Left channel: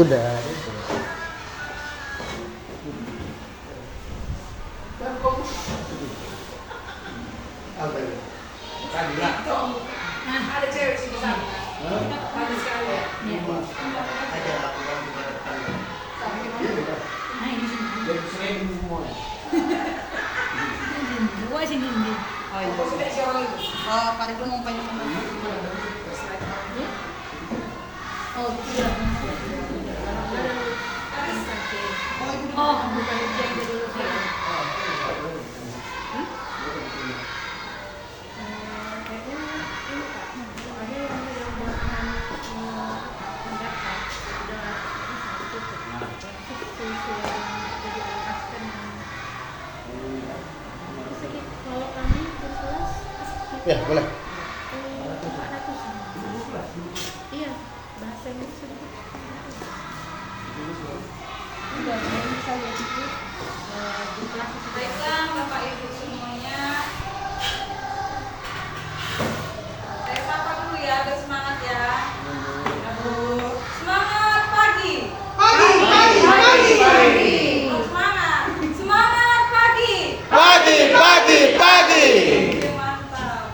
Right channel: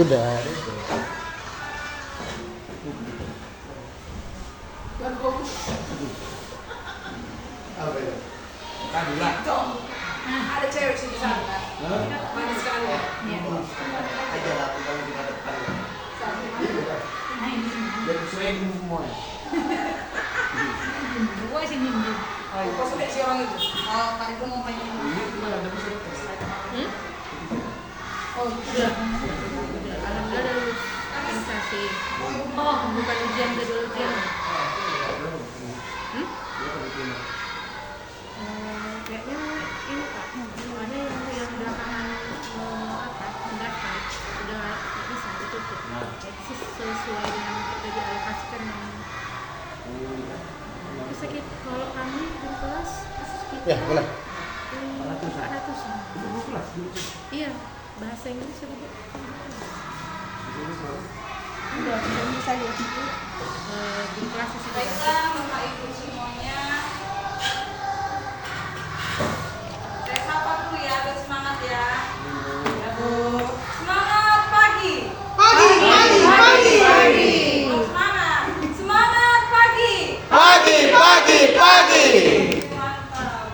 Udah. Apa ini? Ada cewek sih di sana. Banyak sekali. Ajar aku kan kita tekan. Jadi sering semua. Gua sini nih. Oh iya. Sudah siang itu. Kalau kali gua mau pengen. Oh, iya. Oh, bukan ujian dulu ya. Kalau kami di kelas Ya, boleh. iya, bahasa Inggris sedikit. Udah, bisa lihat itu di kelas. Baiklah Bapak Ibu semuanya. Saya sapa dulu ya, bersemangat ya. Semangat pagi. Belum semangat. Semangat pagi. Pagi. Oke, mantap.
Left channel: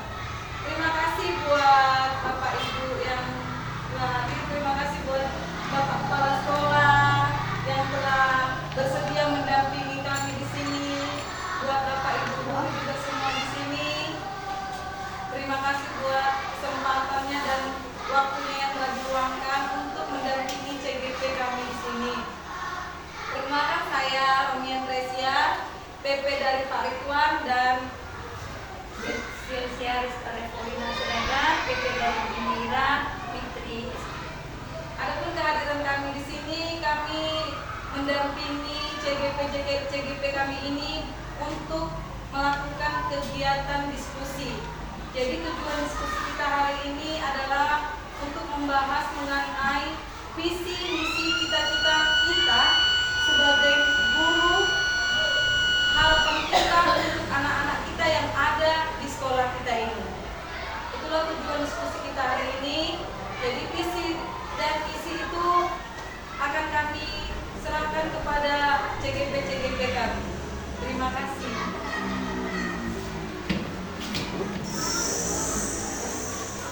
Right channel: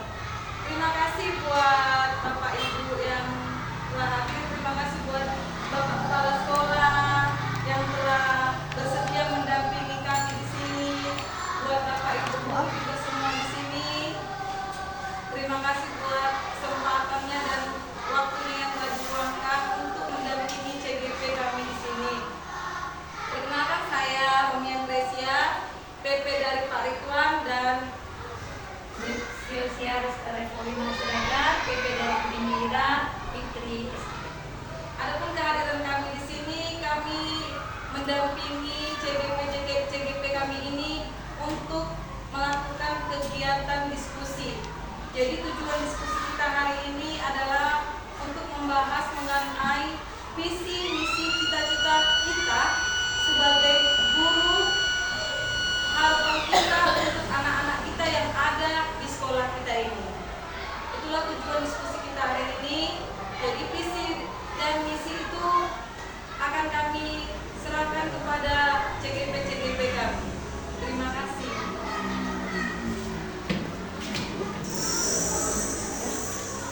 Terima kasih buat Bapak Ibu yang telah hadir. Terima kasih buat Bapak Kepala Sekolah yang telah bersedia mendampingi kami di sini. Buat Bapak Ibu guru juga semua di sini. Terima kasih buat kesempatannya dan waktunya yang telah diluangkan untuk mendampingi CGP kami di sini. Perkenalkan saya Romian Resia, PP dari Pak Ridwan dan Silsia Rizka Revolina Seragam, PP dari Bimira Fitri SP. Adapun kehadiran kami di sini, kami mendampingi CGP kami ini untuk melakukan kegiatan diskusi. Jadi tujuan diskusi kita hari ini adalah untuk membahas mengenai visi, misi, cita-cita kita sebagai guru, harapan kita untuk anak-anak kita yang ada di sekolah kita ini. Itulah tujuan diskusi kita hari ini. Jadi visi dan misi itu akan kami serahkan kepada CGP kami. Terima kasih.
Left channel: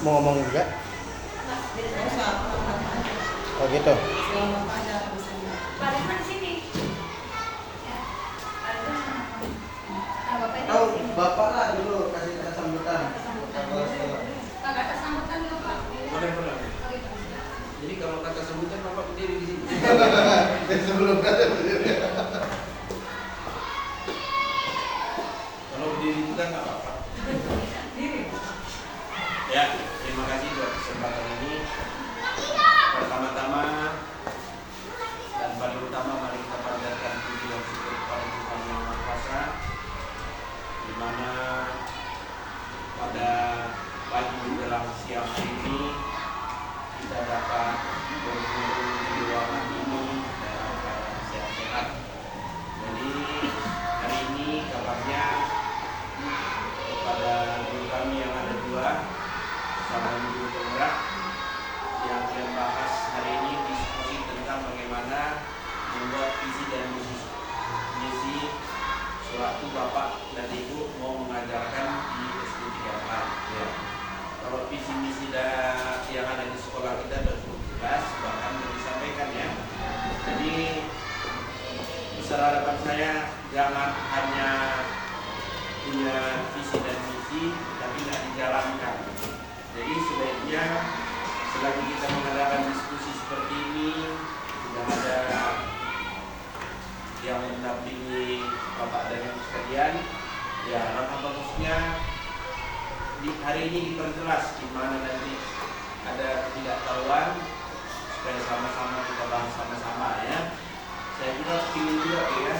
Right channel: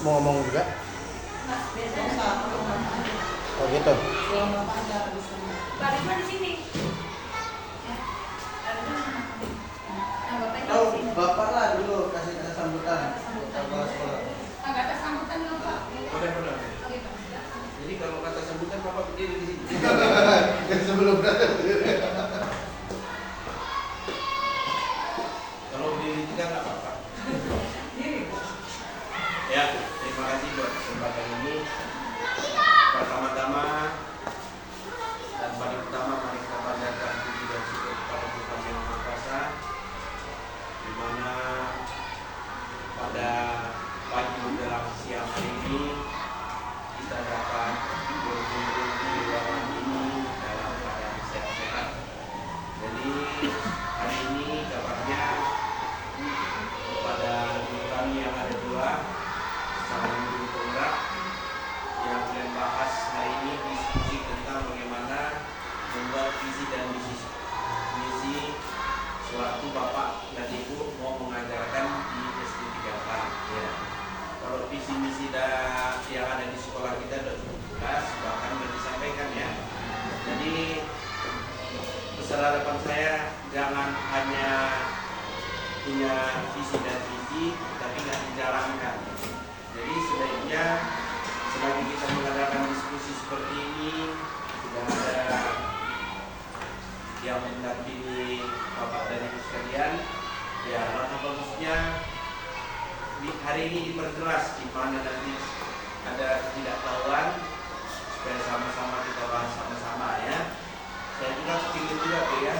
Mau ngomong juga? Oh gitu. Pak Ridwan di sini. Ya. Bapak ini di Oh, sini. Bapak lah dulu kasih kata sambutan. Kepala sekolah. Kata sambutan dulu Pak. Benar-benar. Oke Pak. Jadi kalau kata sambutan Bapak berdiri di sini. Dan sebelum kata Kalau berdiri kita nggak apa-apa. Diri. Ya, terima kasih buat kesempatan ini. Pertama-tama dan paling utama mari kita panjatkan puji dan syukur kepada Tuhan Yang Maha Kuasa, di mana pada pagi menjelang siang hari ini kita dapat berkumpul di ruangan ini dalam keadaan sehat-sehat. Jadi hari ini kabarnya kepada guru kami yang ada dua sama guru tonggak yang akan bahas hari ini diskusi tentang bagaimana membuat visi dan misi sewaktu Bapak dan Ibu mau mengajarkan di SD 34 ya. Kalau visi misi yang ada di sekolah kita sudah cukup jelas bahkan sudah disampaikan ya. Jadi besar harapan saya jangan hanya punya visi dan misi tapi nggak dijalankan. Jadi sebaiknya selagi kita mengadakan diskusi seperti ini sudah ada yang mendampingi Bapak dan Ibu sekalian, ya langkah bagusnya di hari ini diperjelas di mana nanti ada ketidaktahuan supaya sama-sama kita bahas sama-sama ya. Saya juga ingin juga ya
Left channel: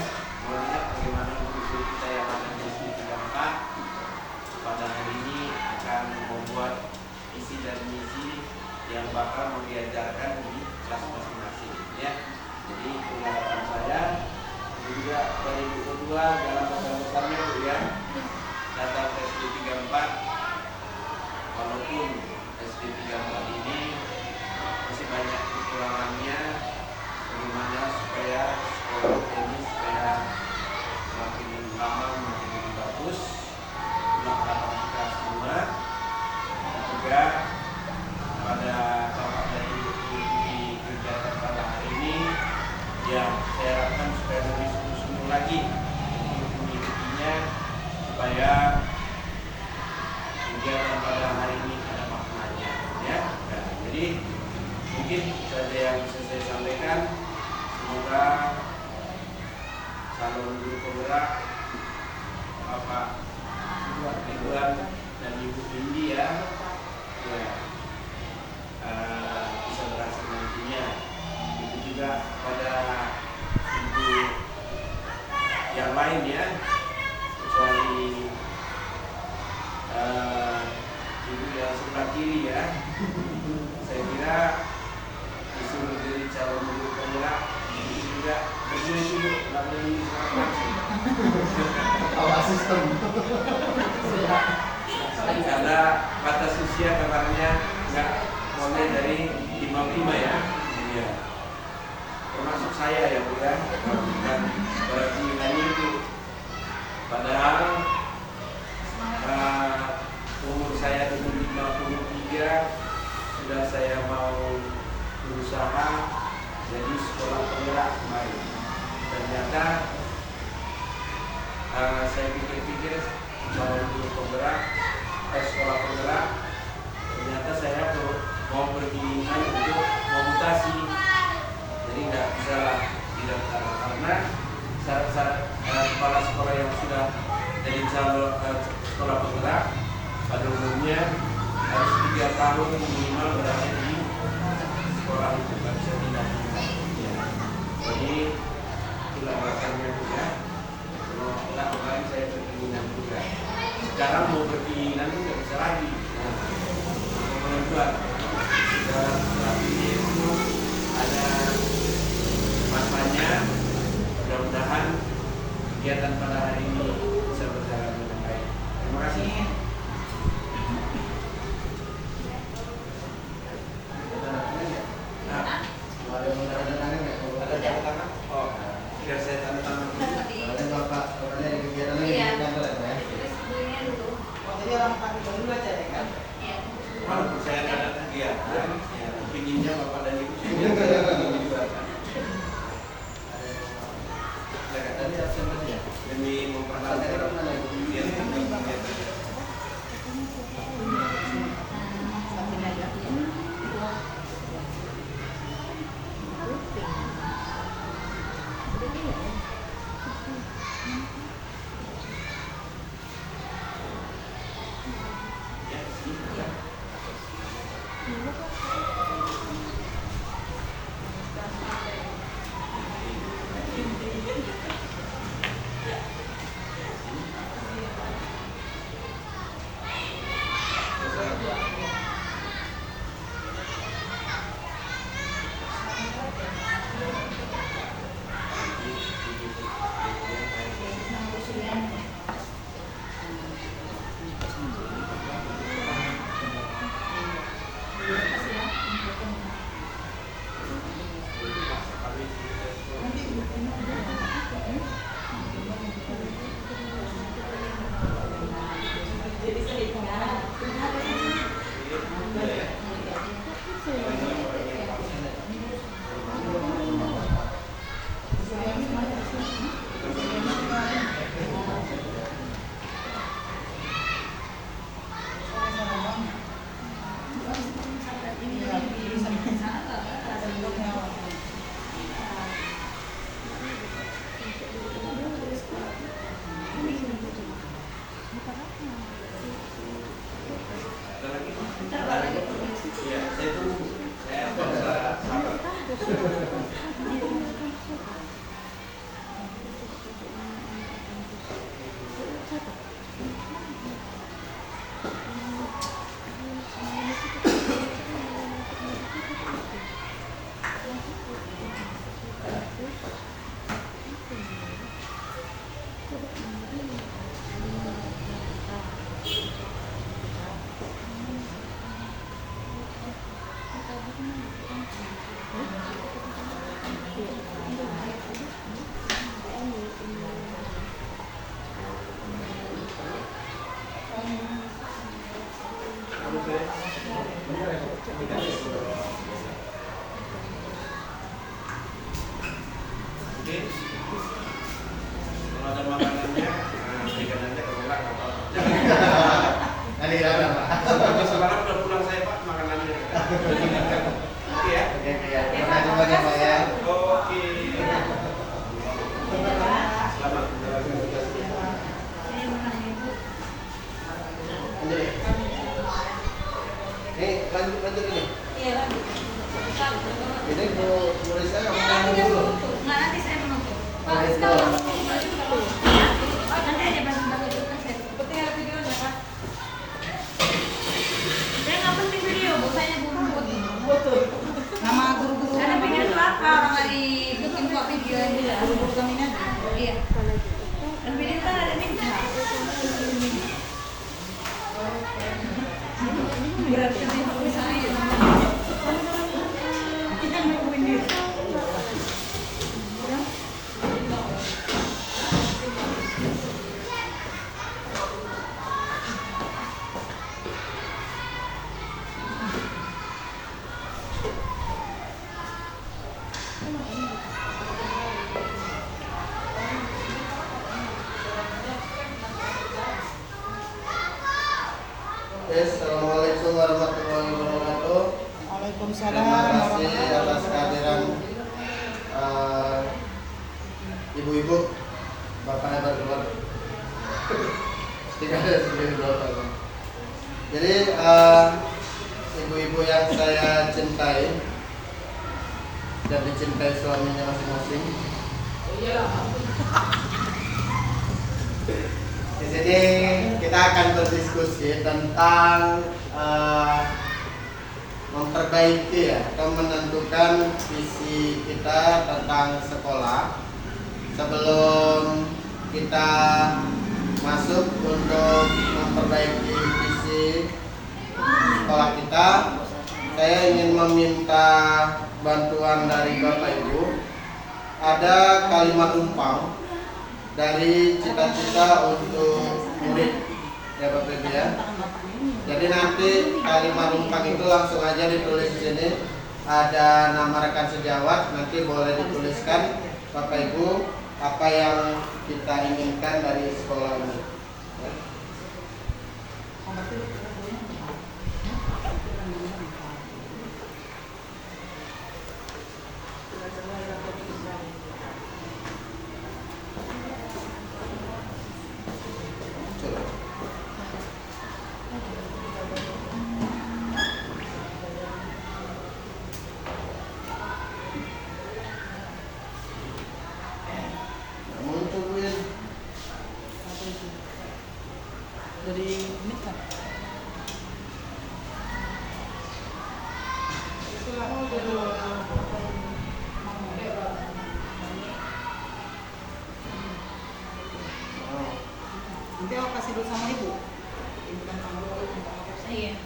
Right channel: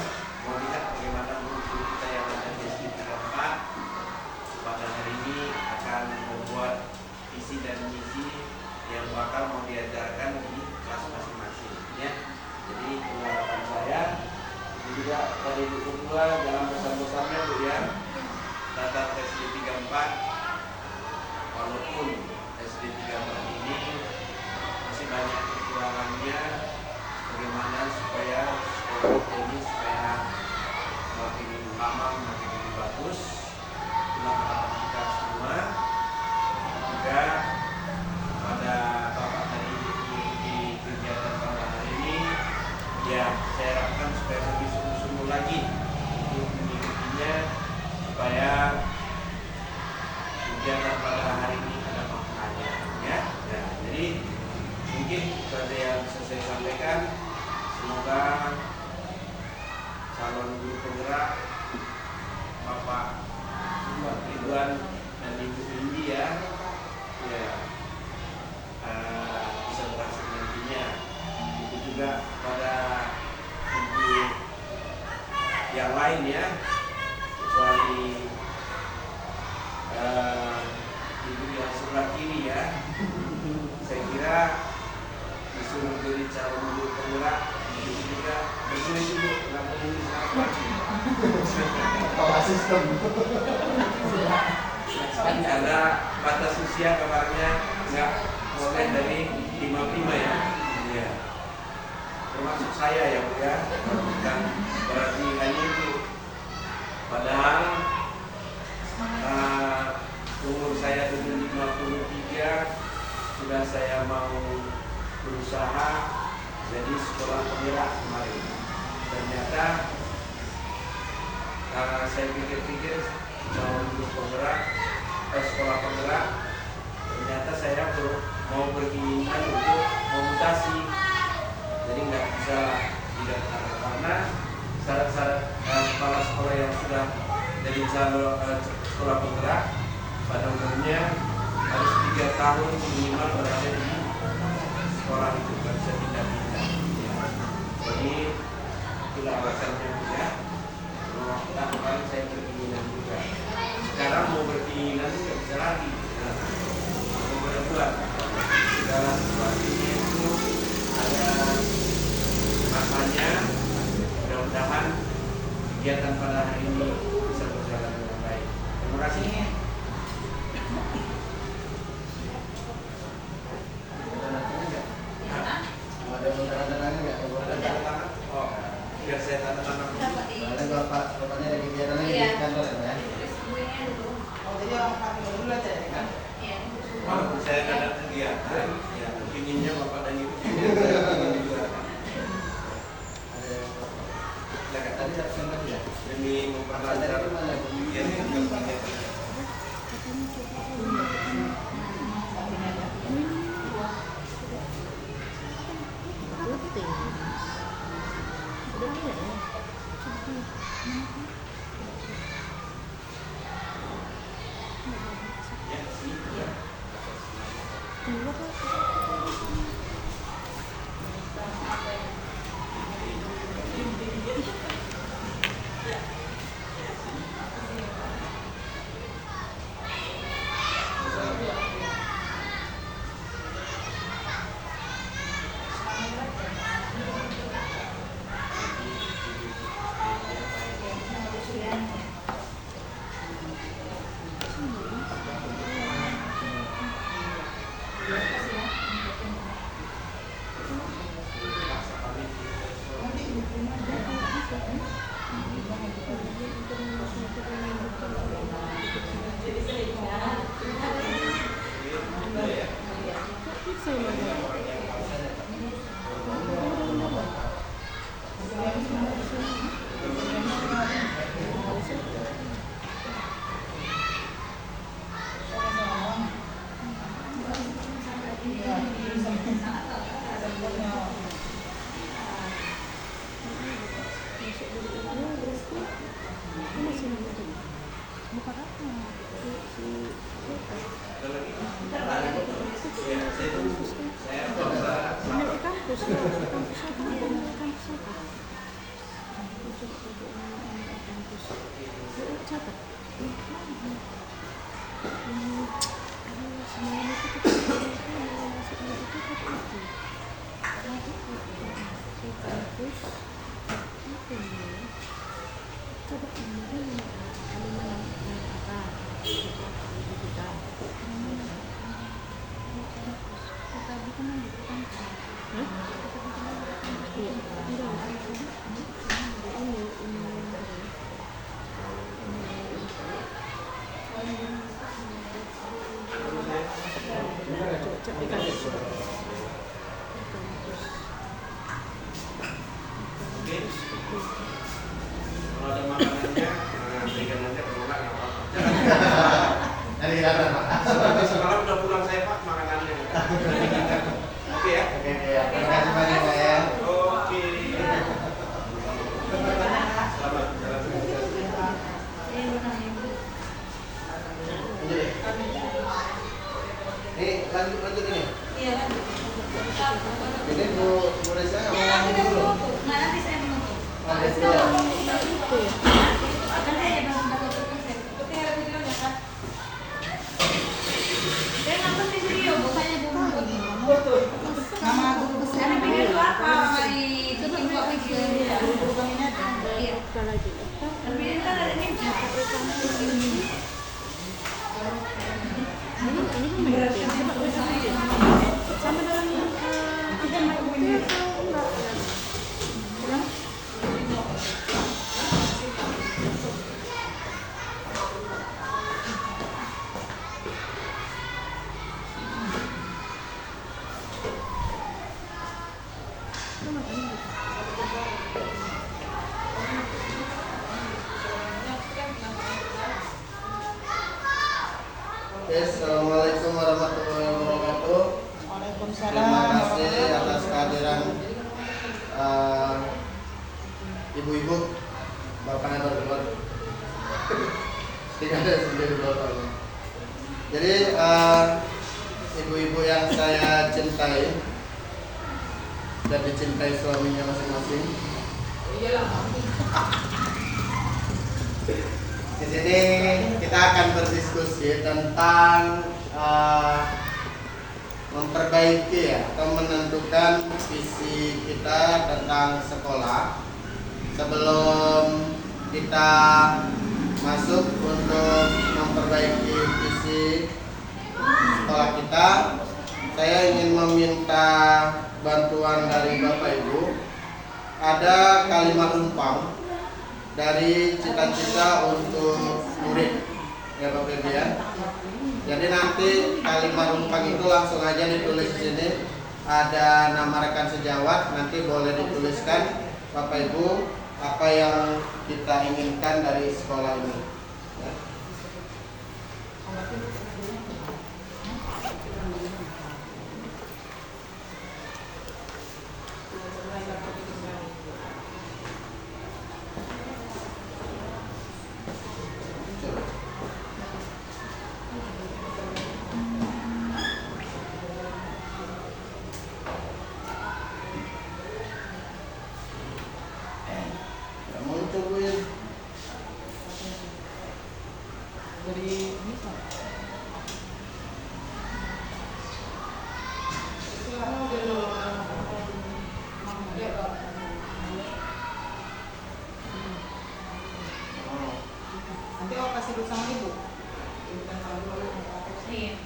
melihat bagaimana guru kita yang ada di SD 34 pada hari ini akan membuat visi dan misi yang bakal mau diajarkan di kelas masing-masing ya. Jadi pengharapan saya ini juga pada ibu kedua dalam pesan-pesannya Bu ya, data SD 34 walaupun SD 34 ini masih banyak kekurangannya bagaimana supaya sekolah ini supaya makin lama makin bagus. Itulah harapan kita semua. Juga pada Bapak dan Ibu di kegiatan pada hari ini, ya saya harapkan supaya lebih sungguh-sungguh lagi untuk mengikutinya supaya kegiatan pada hari ini ada maknanya, ya. Nah, jadi mungkin saja yang bisa saya sampaikan. Semoga calon guru penggerak Bapak Ridwan dan Ibu Indi ya bisa berhasil nantinya. Itu juga pada ibu yang lain ya, kecuali ibu yang sebelah kiri ya. Saya kira disuruh jadi calon guru penggerak itu juga bersulit dulu, nggak boleh sangat maju. Atau asisten. Ada batas usia kabarnya nggak mulai dari 55 ya. Iya. Termasuk saya ya Bu ya. Dan berarti hanya itu. Padahal umur saya 53 sudah saya mau berusaha jadi sekolah penggerak kemarin. Ternyata saya pikir-pikir mau guru penggerak sekolah penggerak, ternyata saya mau pergi untuk memutasi, jadi nggak bisa tidak karena syarat-syarat kepala sekolah yang sudah jadi calon sekolah penggerak pada umumnya harus 3 tahun minimal berada di sekolah itu, nggak bisa pindah-pindah. Jadi itulah alasannya juga. Kalau kemarin saya berkeinginan juga. Sekarang mau berkeinginan itu nggak bisa lagi. Nah, kemudian dalam situasinya itu ada masanya. Mudah-mudahan kegiatan pada hari ini bisa berjalan dengan baik. Terima kasih. Ada yang tanda-tangan nggak? Ada tanda tangan? Oh, tidak saya tanda tangan. Ada Bapak, katanya ada kegiatan lagi di kantor ya, Pak? Oh, jadi orang pakai baju aja ya kan? Walaupun saya nggak ada kegiatan, ya pinginnya Bapak dan Ibu juga Tadi absen tadi ya? demi memperlancar kegiatan. masih ada Pak. Sampai semalam udah pulang saya Pak makanannya. Oke ya. Oke ya. Terima kasih banyak Pak ya. Oke. Selamat jalan. Lanjut. Ini lanjut ini. Iya lanjut. Ini Bu Risa Nanti mau saya dulu. menutup. Nanti saya menutup. Oh, let's go. Nanti aja belum bagus saya. Seperti ada videonya Pak. Saya nggak penting video, bukannya bumbu. Nama guru besar. Ada video itu apa? Di bikin kok video ini ya. Guru kami ada. Iya. Dan video kan ada ninja. Berarti Assalamualaikum warahmatullahi wabarakatuh. Terima kasih atas kehadiran ibu-ibu, bapaknya baru keluar. Tidak ada sendiri bapaknya. Jadi ibu-ibu yang saya cintai dan dicintai suaminya masing-masing. Di sini kita akan berdiskusi tentang memperbaiki ya atau menentukan visi kita tentang sekolah. Sebelum kita masuk untuk memperbaiki visi sekolah kita, saya ingin meminta bantuan dari Bapak Ibu. Ada kalimat umpang dari cita-cita untuk murid ya Bapak Ibu ya. Jadi nanti kalimat rumpang itu langsung aja ditulis di sini. Ada nama rekan sejawat, nanti boleh dituliskan Bapak Ibu apa yang kita inginkan dari sekolah ini. Nanti aku kasih dulu sama ibu. Ibu kan sama dulu. Iya.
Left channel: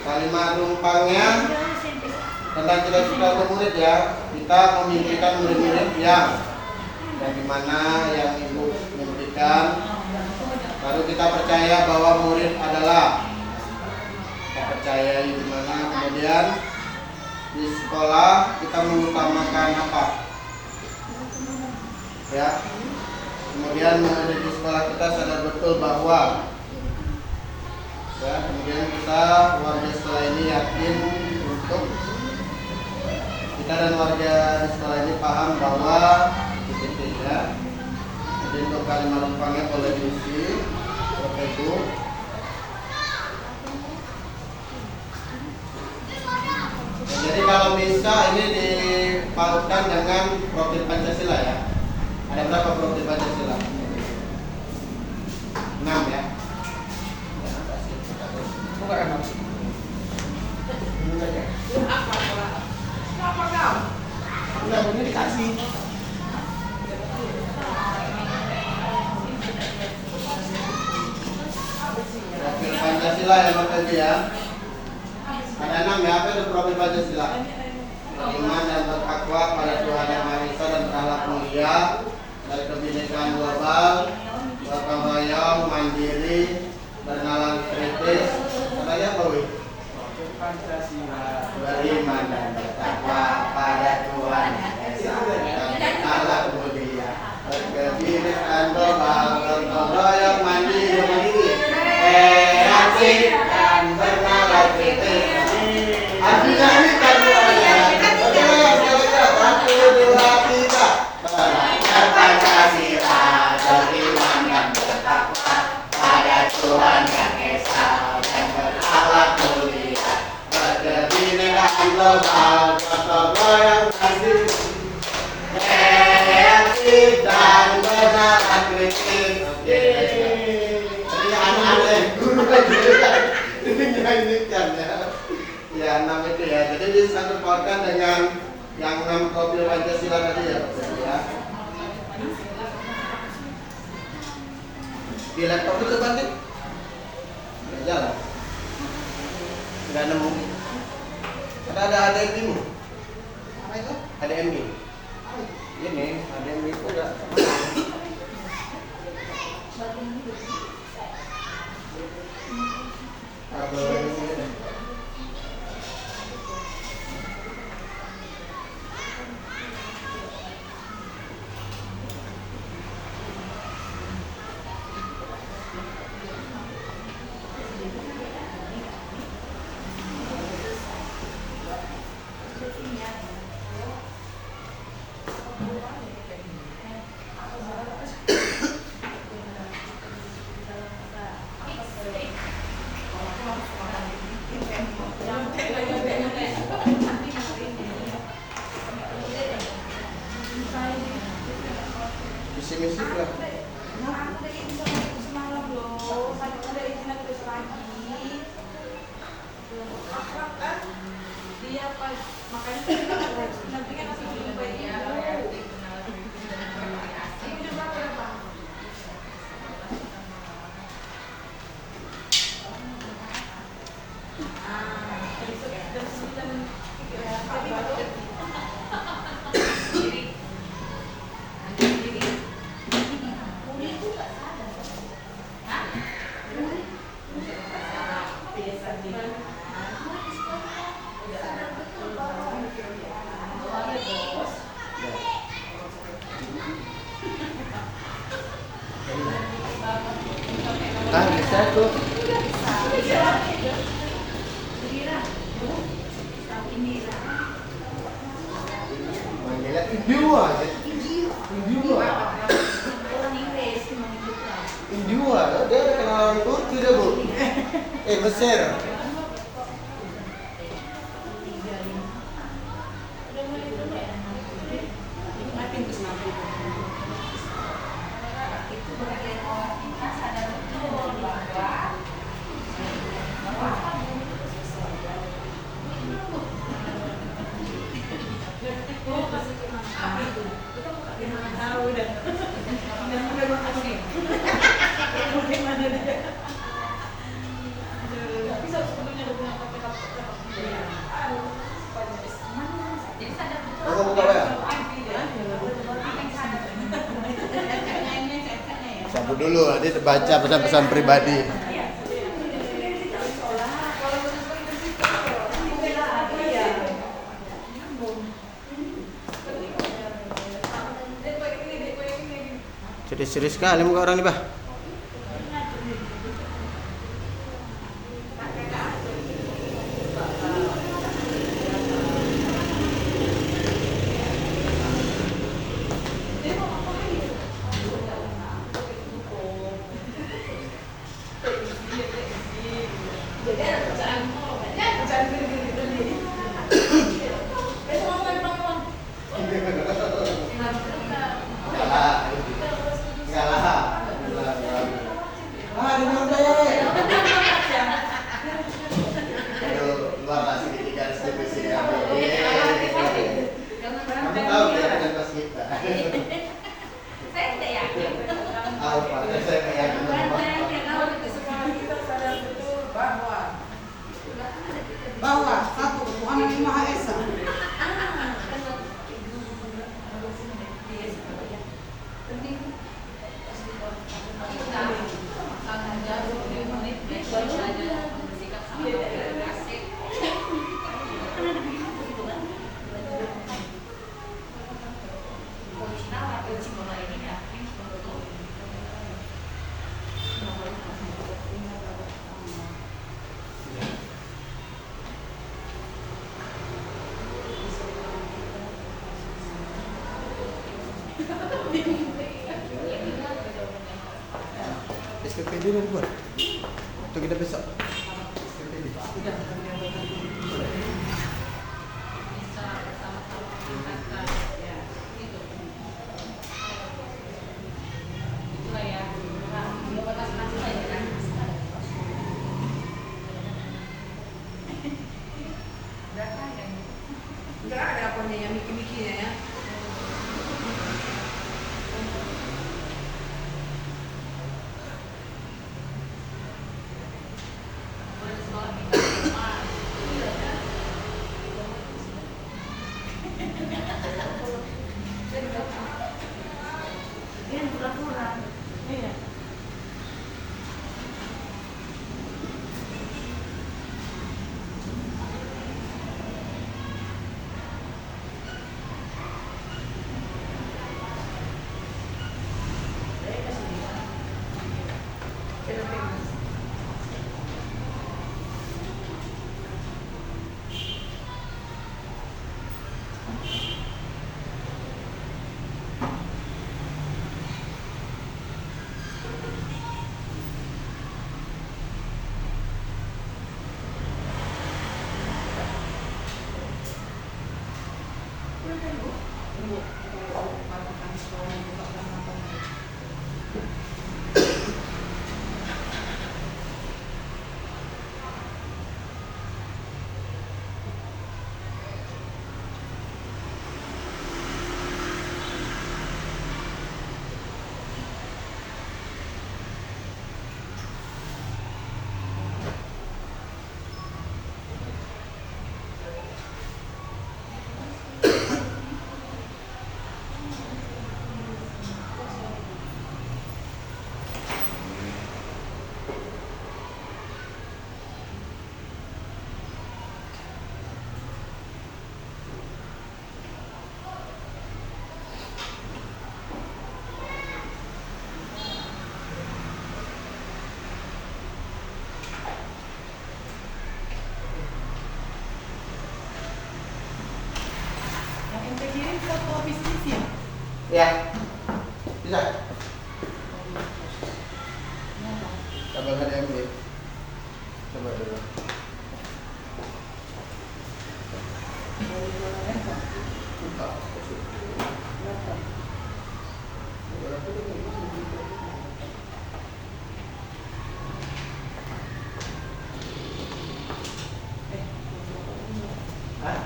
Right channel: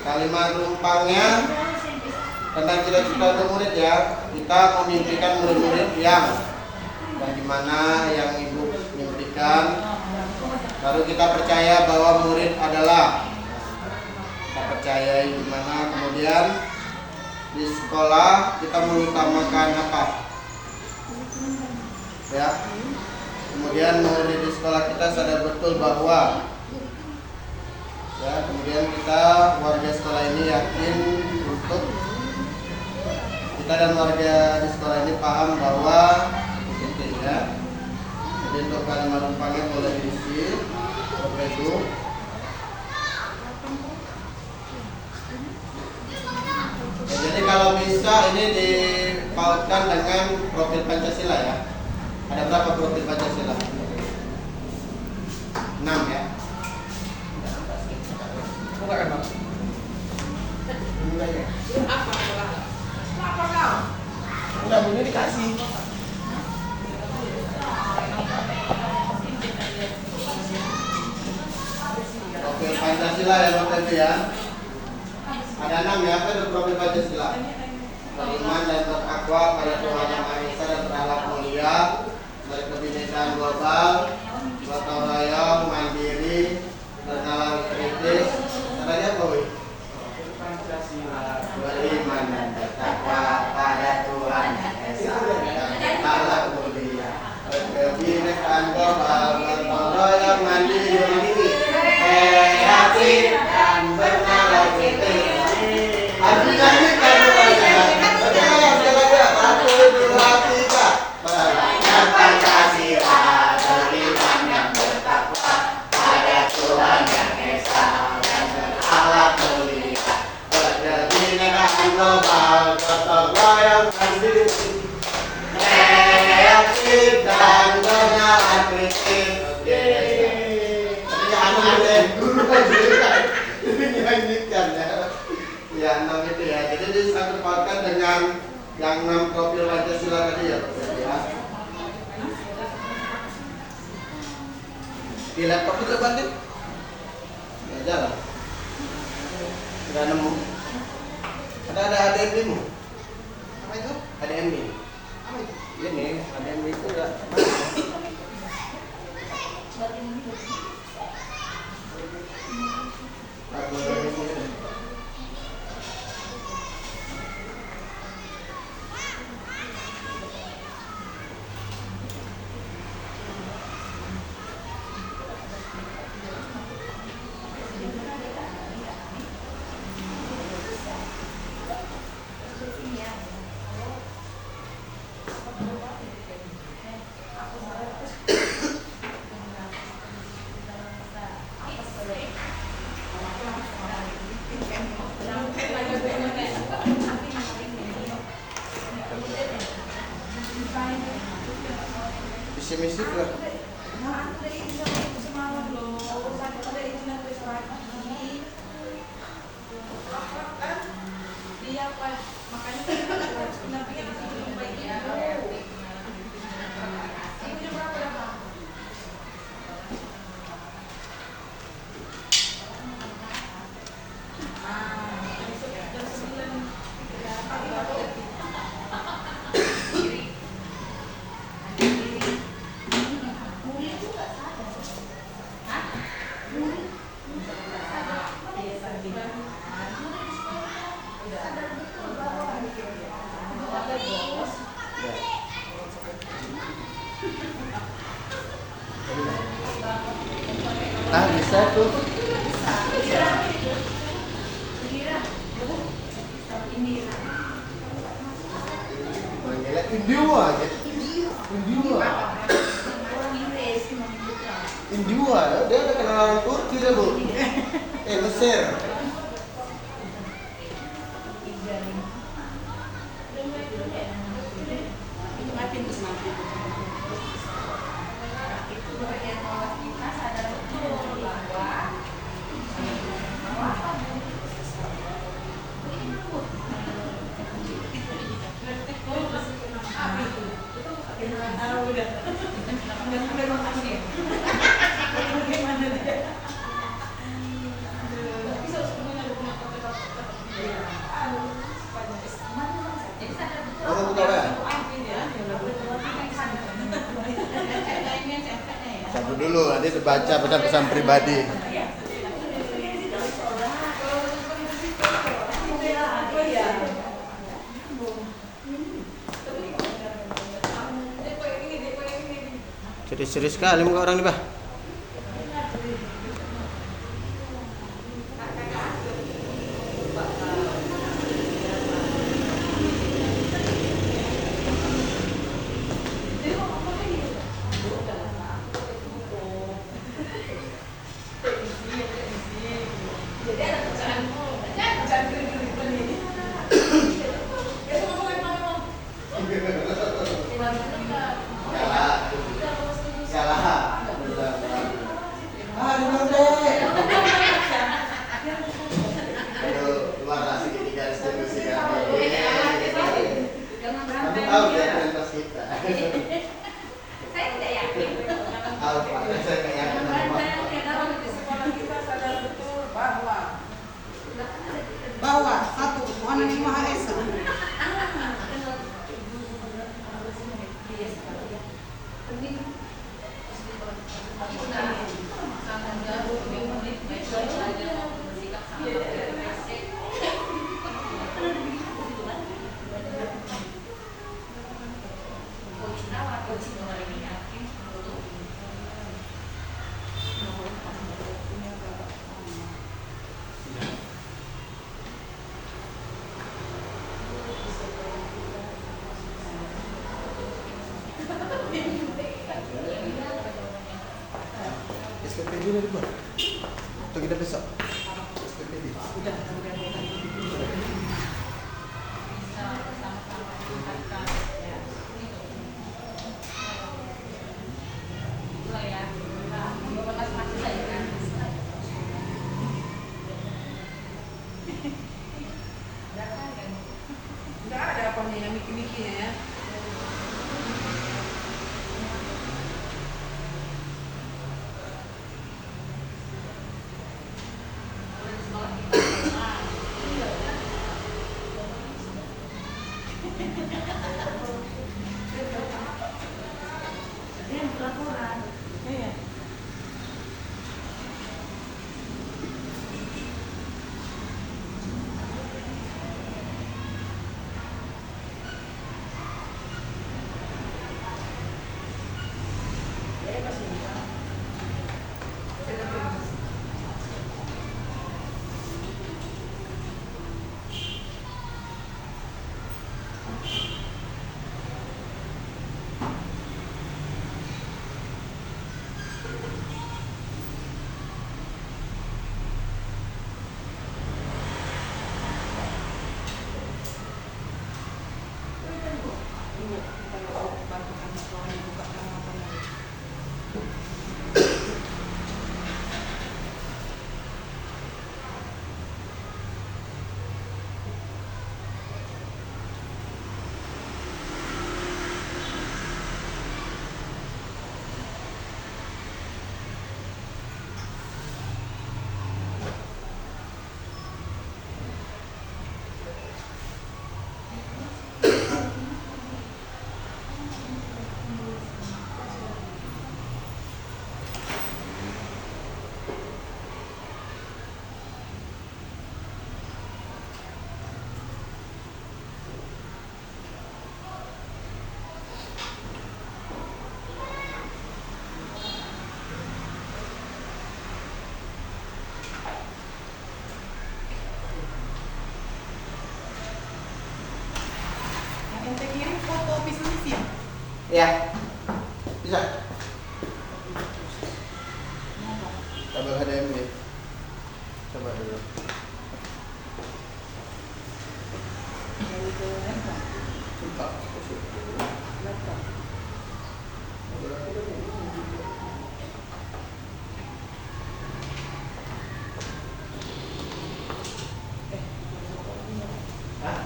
Kalimat rumpangnya tentang cita-cita untuk murid ya. Kita memimpikan murid-murid yang dimana yang ibu mimpikan. Baru kita percaya bahwa murid adalah, kita percaya gimana. Kemudian di sekolah kita mengutamakan apa ya. Kemudian murid di sekolah kita sadar betul bahwa ya, kemudian kita warga sekolah ini yakin untuk kita dan warga di sekolah ini paham bahwa titik ya. Jadi untuk kalimat rumpangnya boleh diisi Bapak Ibu. bisa ini dipautkan dengan profil Pancasila ya. Ada berapa profil Pancasila? 6 ya. Bukan kan, Bang? Apa kau? Enggak, punya dikasih. Profil Pancasila ya Bapak Ibu ya. Ada 6 ya, apa itu profil Pancasila? Beriman dan bertakwa pada Tuhan Yang Maha Esa dan berakhlak mulia, baik kebinekaan global, gotong royong, mandiri, bernalar kritis. Katanya apa, Wi? Profil Pancasila. Beriman dan bertakwa pada Tuhan Yang Esa dan berakhlak mulia, berkebinekaan global, gotong royong, mandiri, kreatif dan bernalar kritis. Artinya ini kan doanya. Satu, dua, tiga. Beriman Pancasila, beriman dan bertakwa pada Tuhan Yang Esa dan berakhlak mulia, berkebinekaan global, gotong royong, mandiri, kreatif dan bernalar kritis. Ini anak-anak guru kan juga. Ini kan ya. Ya 6 itu ya. Jadi disatu pautkan dengan yang 6 profil Pancasila tadi ya, Pak ya. Di laptop itu Bang, nggak jalan, nggak nemu. Ada HDMI-mu? Apa itu? HDMI. Ini HDMI itu udah kabel ini. Misi-misi nggak? Nah, bisa tuh. Manggilnya Indiwa aja. Indiwa. Indiwa, dia kenalan Turki dah, Bu. Mesir. Kamu buka WA? Sabar dulu, nanti dibaca pesan-pesan pribadi. Serius sekali muka orang nih, Bah. SPP dulu buat. Atau kita besok? SPP di. Udah, udah bukan Bisa bersama-sama meningkatkan ya itu. Itulah ya. Nah, mencoba masing-masing lah ya kan. Udah kan yang enggak ada apanya yang mikir-mikirnya ya. Boleh di sekolah kita rumah. Iya kan. Ini kurang-kurang. Iya. Yang ente kirim foto bisnis ya? Ya. Bisa. Abang ada yang beli. Coba dulu. Dari dolar kan? Buka. Berapa? Hah?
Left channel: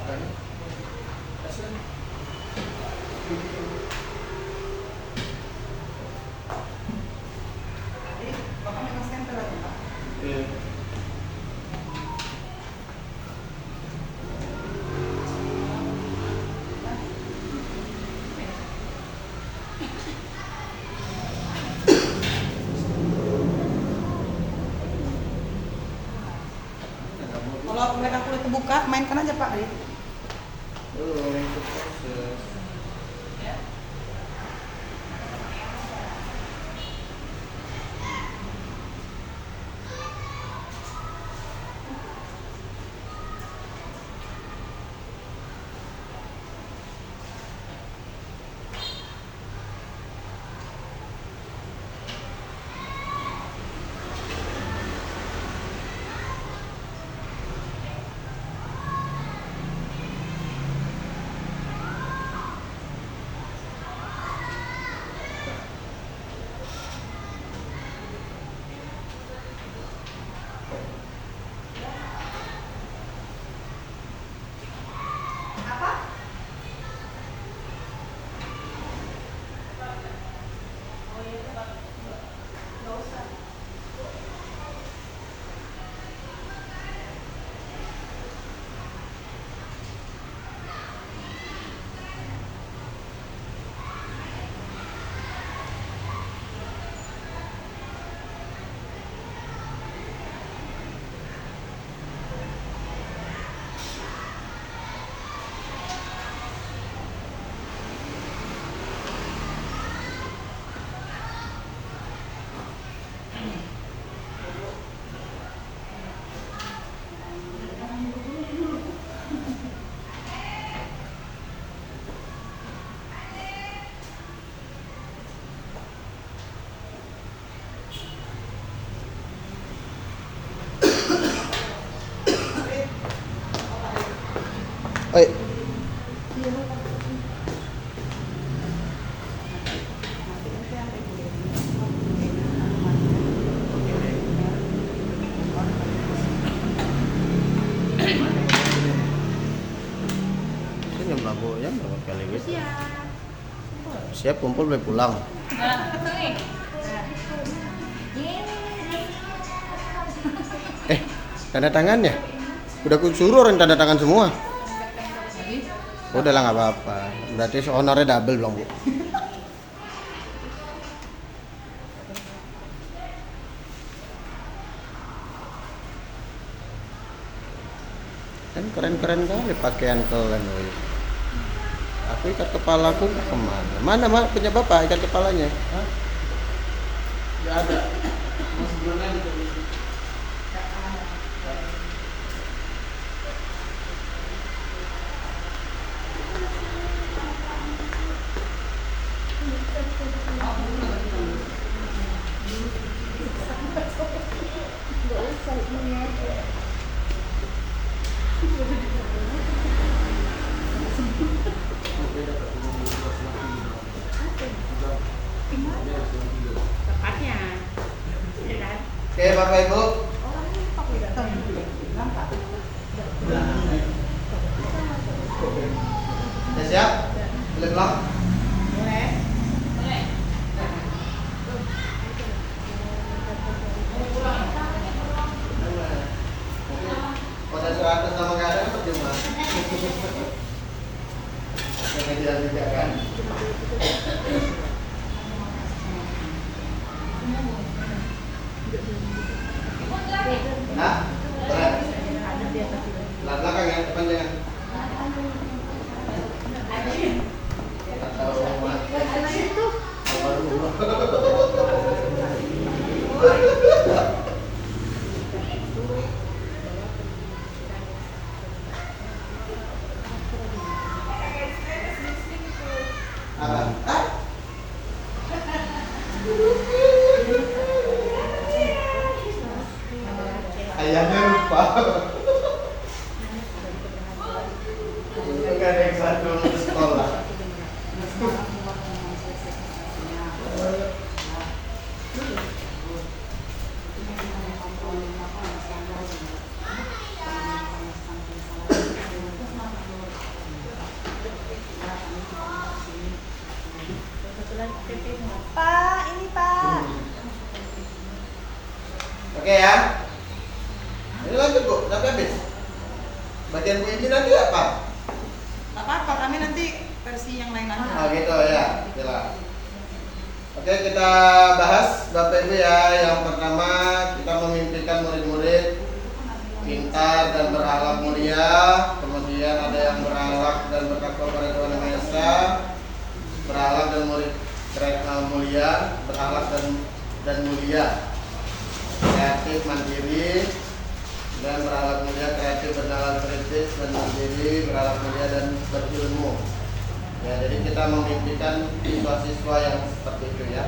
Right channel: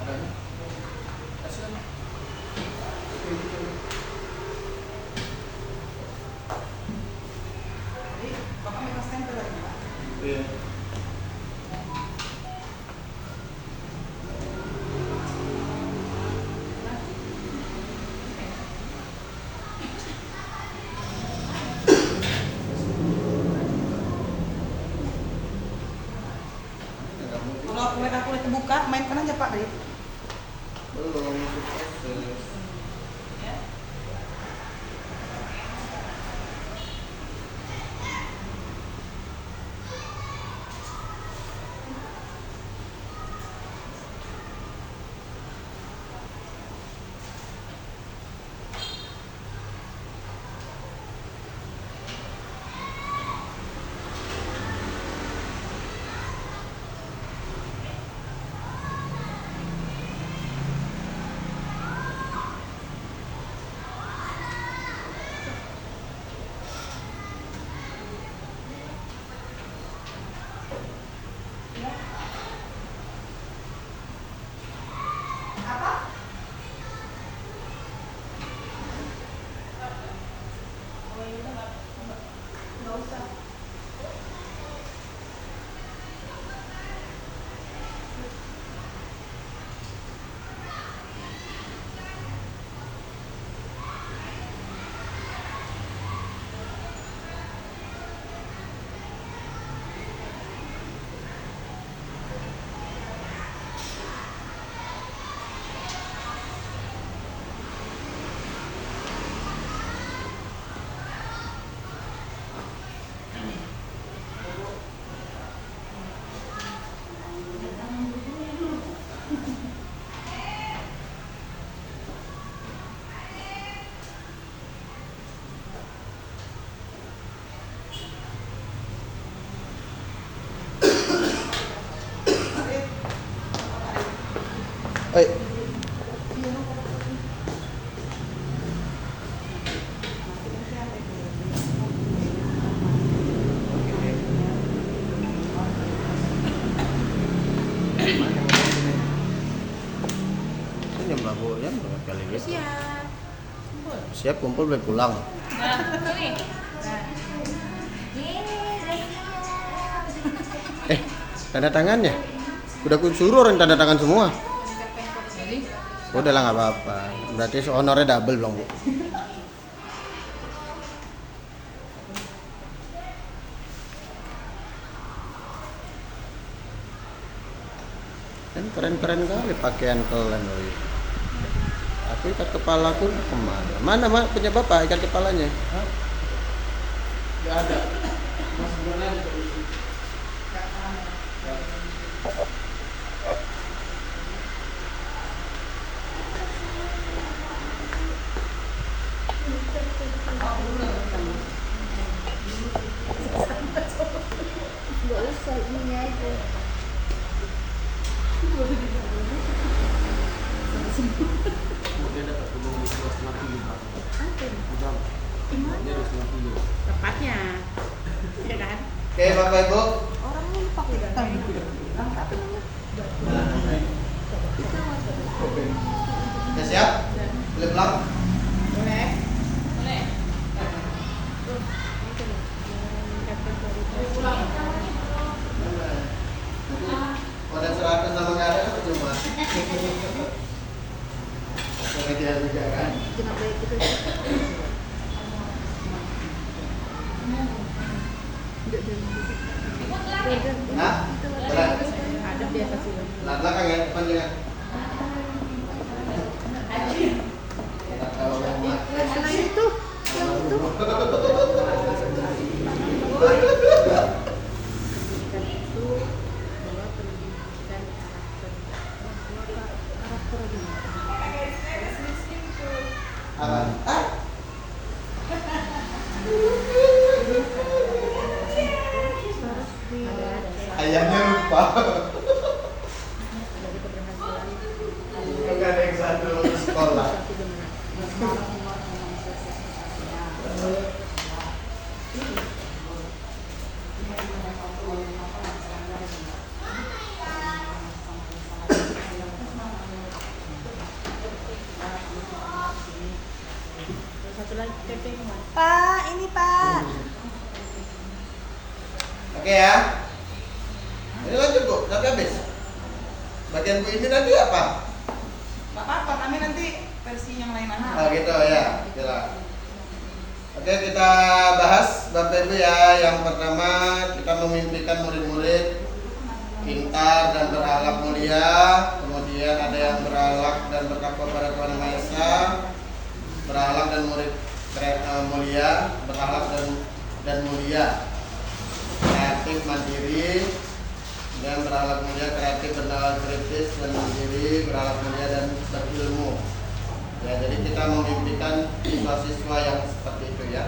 Apanya? Kasih lah. Bahkan memang center Pak. Iya. Kalau aku udah terbuka, mainkan aja Pak Rit. Belum sukses. Ya. ya berapa kali gitu. Siap. Siap kumpul boleh pulang. Nah, nih. Tanda tangannya. Udah aku suruh orang tanda tangan semua. Udah lah nggak apa-apa. Berarti honornya double belum Bu? Kan keren-keren kali pakaian kalian, woy. Aku ikat kepalaku kemana? Mana mak punya bapak ikat kepalanya? Hah? Gak ada. Mas gimana gitu? Tepatnya. Ya kan? Oke Bapak Ibu. Udah siap? Boleh pulang? Boleh. Pada surat atas nama nggak ada apa cuma? Yang tidak juga kan? Nah, boleh. Ada biasa sih. Nah, belakang ya, depan ya. Kita tahu semua. Ayahnya lupa. Itu kan yang satu sekolah. Pak, ini Pak. Oke ya. Ini lanjut Bu, sampai habis. Bagian Bu ini nanti apa? Gak apa-apa, kami nanti versi yang lain aja. Ah gitu ya, jelas. Oke, kita bahas Bapak Ibu ya. Yang pertama kita memimpikan murid-murid pintar dan berakhlak mulia. Kemudian ada yang berakhlak dan bertakwa pada Tuhan Yang Maha Esa, berakhlak dan murid mulia, berakhlak dan mulia, kreatif mandiri, dan berakhlak mulia, kreatif, bernalar kritis dan mandiri, berakhlak mulia dan berilmu. Ya, jadi kita memimpikan siswa-siswa yang seperti itu ya,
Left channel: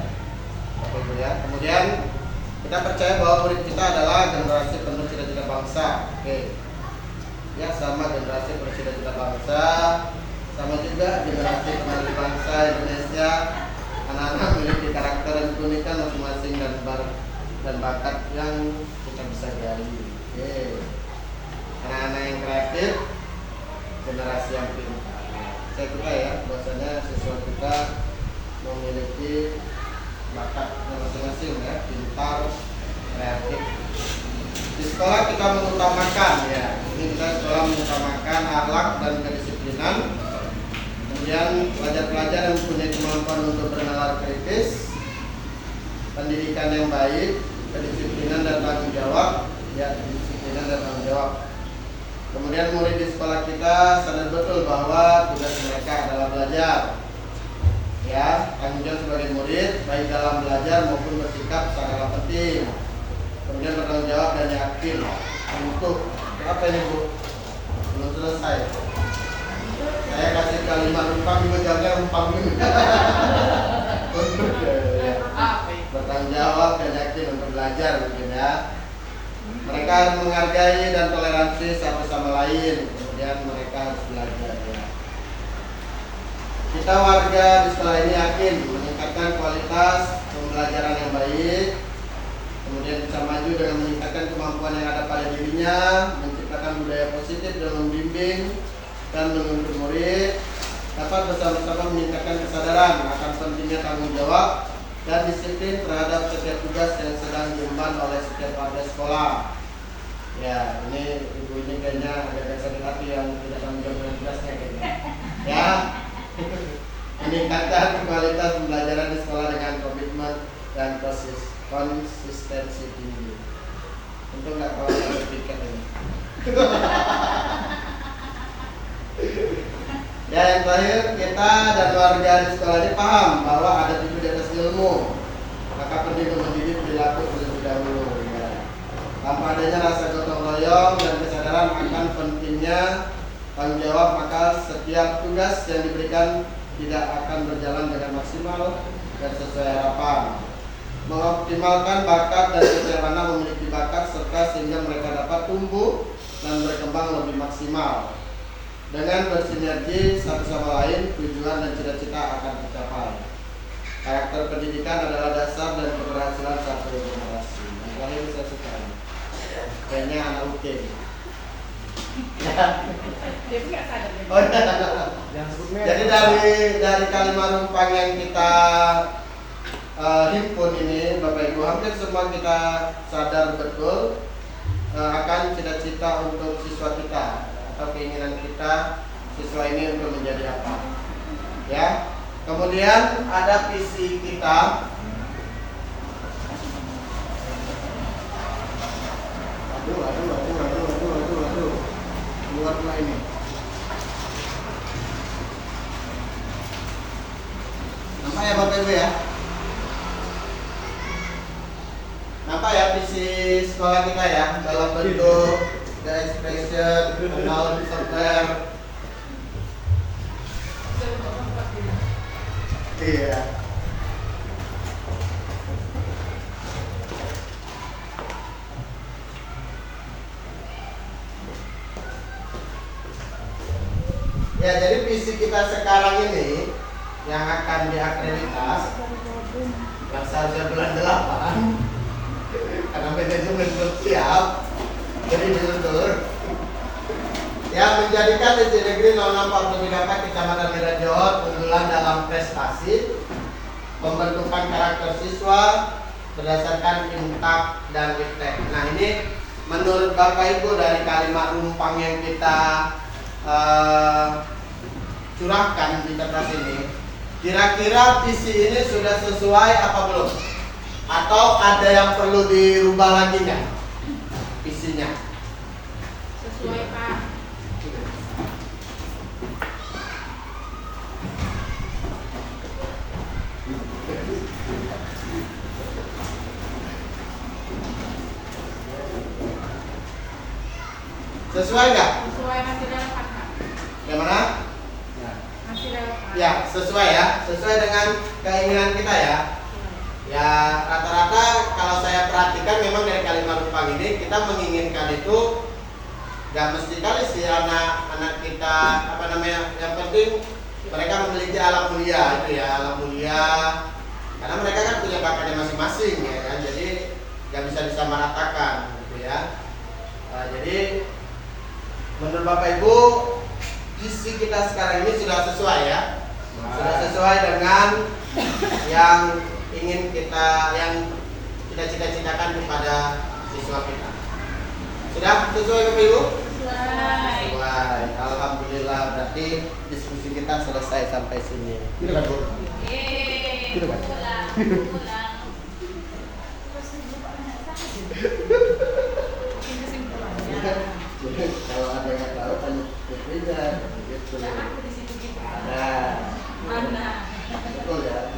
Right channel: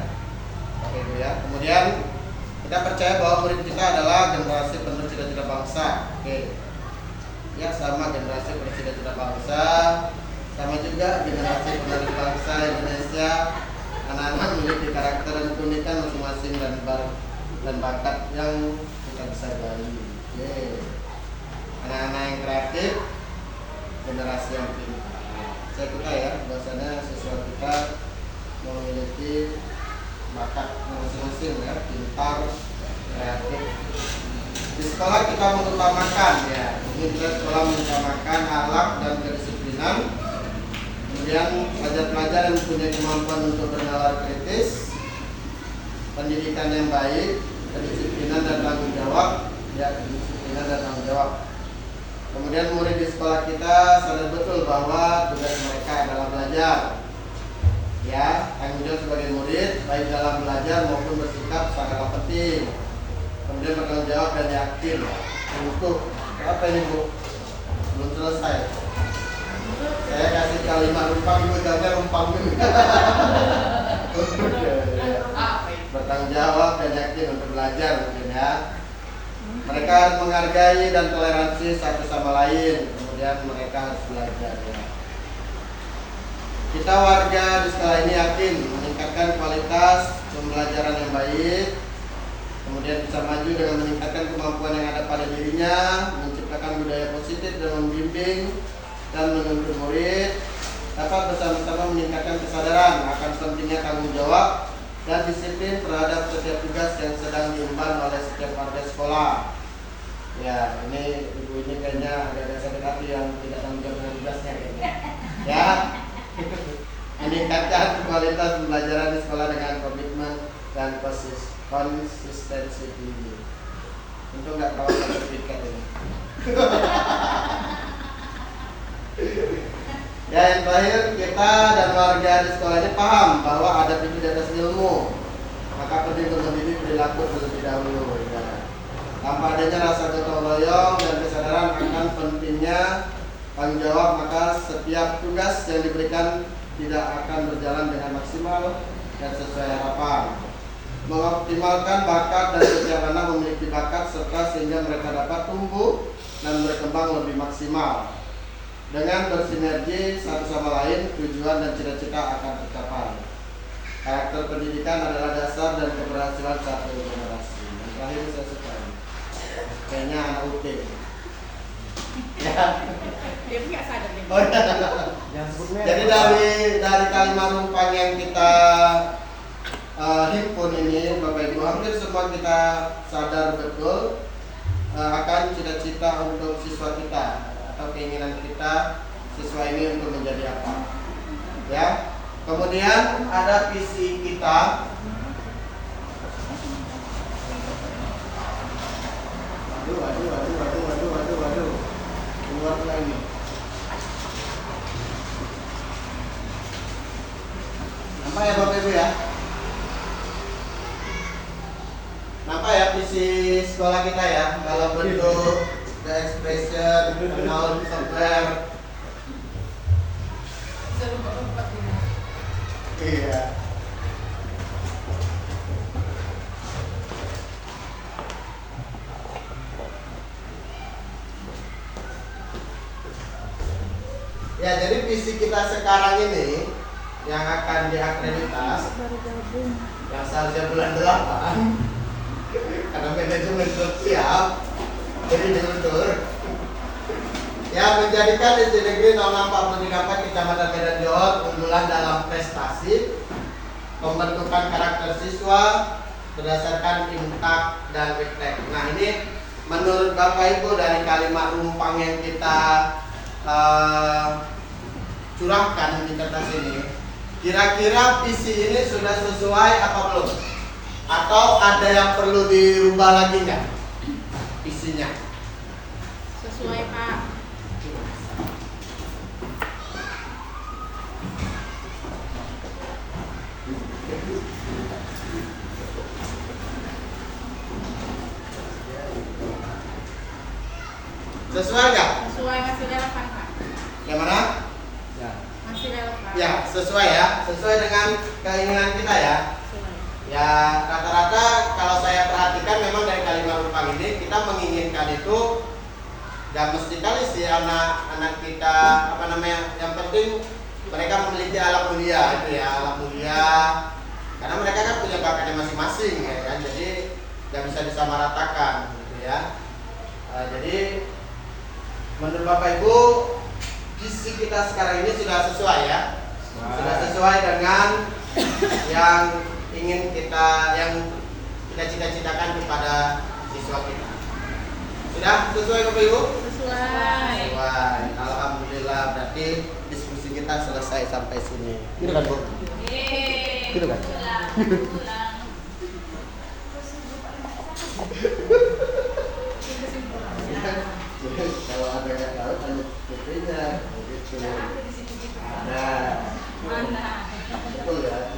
Bapak Ibu ya. Kemudian kita percaya bahwa murid kita adalah generasi penuh cita-cita bangsa. Oke, ya sama generasi bercita-cita bangsa, sama juga generasi penerus bangsa Indonesia. Anak-anak memiliki karakter dan keunikan masing-masing dan bakat yang kita bisa gali. Oke, anak-anak yang kreatif, generasi yang pintar. Saya kira ya, bahasanya siswa kita memiliki bakat masing-masing ya, pintar, kreatif. Di sekolah kita mengutamakan ya, ini kita sekolah mengutamakan akhlak dan kedisiplinan. Kemudian pelajar-pelajar yang punya kemampuan untuk bernalar kritis, pendidikan yang baik, kedisiplinan dan tanggung jawab, ya kedisiplinan dan tanggung jawab. Kemudian murid di sekolah kita sadar betul bahwa tugas mereka adalah belajar. Ya, tanggung jawab sebagai murid baik dalam belajar maupun bersikap sangatlah penting. Kemudian bertanggung jawab dan yakin. Untuk apa ini Bu? Belum selesai. Saya kasih kalimat rumpang, Ibu jawabnya rumpang dulu. Untuk ya. Bertanggung jawab dan yakin untuk belajar mungkin ya. Mereka harus menghargai dan toleransi satu sama lain. Kemudian mereka harus belajar ya. Kita warga di sekolah ini yakin meningkatkan kualitas pembelajaran yang baik. Kemudian bisa maju dengan meningkatkan kemampuan yang ada pada dirinya, menciptakan budaya positif dan membimbing dan menuntut murid dapat bersama-sama meningkatkan kesadaran akan pentingnya tanggung jawab dan disiplin terhadap setiap tugas yang sedang diemban oleh setiap warga sekolah. Ya, ini ibu ini kayaknya agak sakit hati yang tidak tanggung jawab dengan tugasnya kayaknya. Ya, meningkatkan kualitas pembelajaran di sekolah dengan komitmen dan konsistensi tinggi. Untung nggak kawan sertifikat ini. Ya, yang terakhir, kita dan warga di sekolah ini paham bahwa ada tinggi di atas ilmu, maka penting untuk mendidik perilaku terlebih dahulu. Ya. Tanpa adanya rasa gotong royong dan kesadaran akan pentingnya tanggung jawab, maka setiap tugas yang diberikan tidak akan berjalan dengan maksimal dan sesuai harapan. Mengoptimalkan bakat dan setiap anak memiliki bakat serta sehingga mereka dapat tumbuh dan berkembang lebih maksimal. Dengan bersinergi satu sama lain, tujuan dan cita-cita akan tercapai. Karakter pendidikan adalah dasar dan keberhasilan satu generasi. Yang terakhir saya suka. Kayaknya anak UK. Ya. Dia nggak sadar ya. Oh, ya. Yang sebutnya Jadi dari kalimat rumpang yang kita himpun ini, Bapak Ibu, hampir semua kita sadar betul akan cita-cita untuk siswa kita atau keinginan kita siswa ini untuk menjadi apa. Ya. Kemudian ada visi kita. Aduh. Keluar lah ini. Nampak ya Bapak Ibu ya? Nampak ya visi sekolah kita ya, dalam bentuk the expression, knowledge software. Iya. Ya, jadi visi kita sekarang ini yang akan diakreditas yang seharusnya bulan 8 karena manajemen belum siap, jadi diundur. Ya, menjadikan SD Negeri 0644 Kecamatan Medan Johor unggulan dalam prestasi pembentukan karakter siswa berdasarkan intak dan refleks. Nah, ini menurut Bapak Ibu dari kalimat rumpang yang kita curahkan di kertas ini, kira-kira visi ini sudah sesuai apa belum? Atau ada yang perlu dirubah lagi nggak visinya? Sesuai Pak. Sesuai nggak? Sesuai, masih relevan Pak. Yang mana? Masih relevan. Ya, sesuai ya, sesuai dengan keinginan kita ya. Ya, rata-rata kalau saya perhatikan memang dari kalimat rumpang ini kita menginginkan itu dan mesti kali sih anak-anak kita yang penting mereka memiliki alam mulia itu ya, alam mulia karena mereka kan punya bakatnya masing-masing ya kan, jadi nggak bisa disamaratakan gitu ya. Jadi menurut Bapak Ibu visi kita sekarang ini sudah sesuai ya, sudah sesuai dengan yang ingin kita cita-citakan kepada siswa kita. Sudah sesuai Bapak Ibu? Sesuai. Alhamdulillah, berarti diskusi kita selesai sampai sini. Gitu kan Bu? Gitu kan? Kalau ada yang tahu tanya putrinya gitu. Nah, betul ya.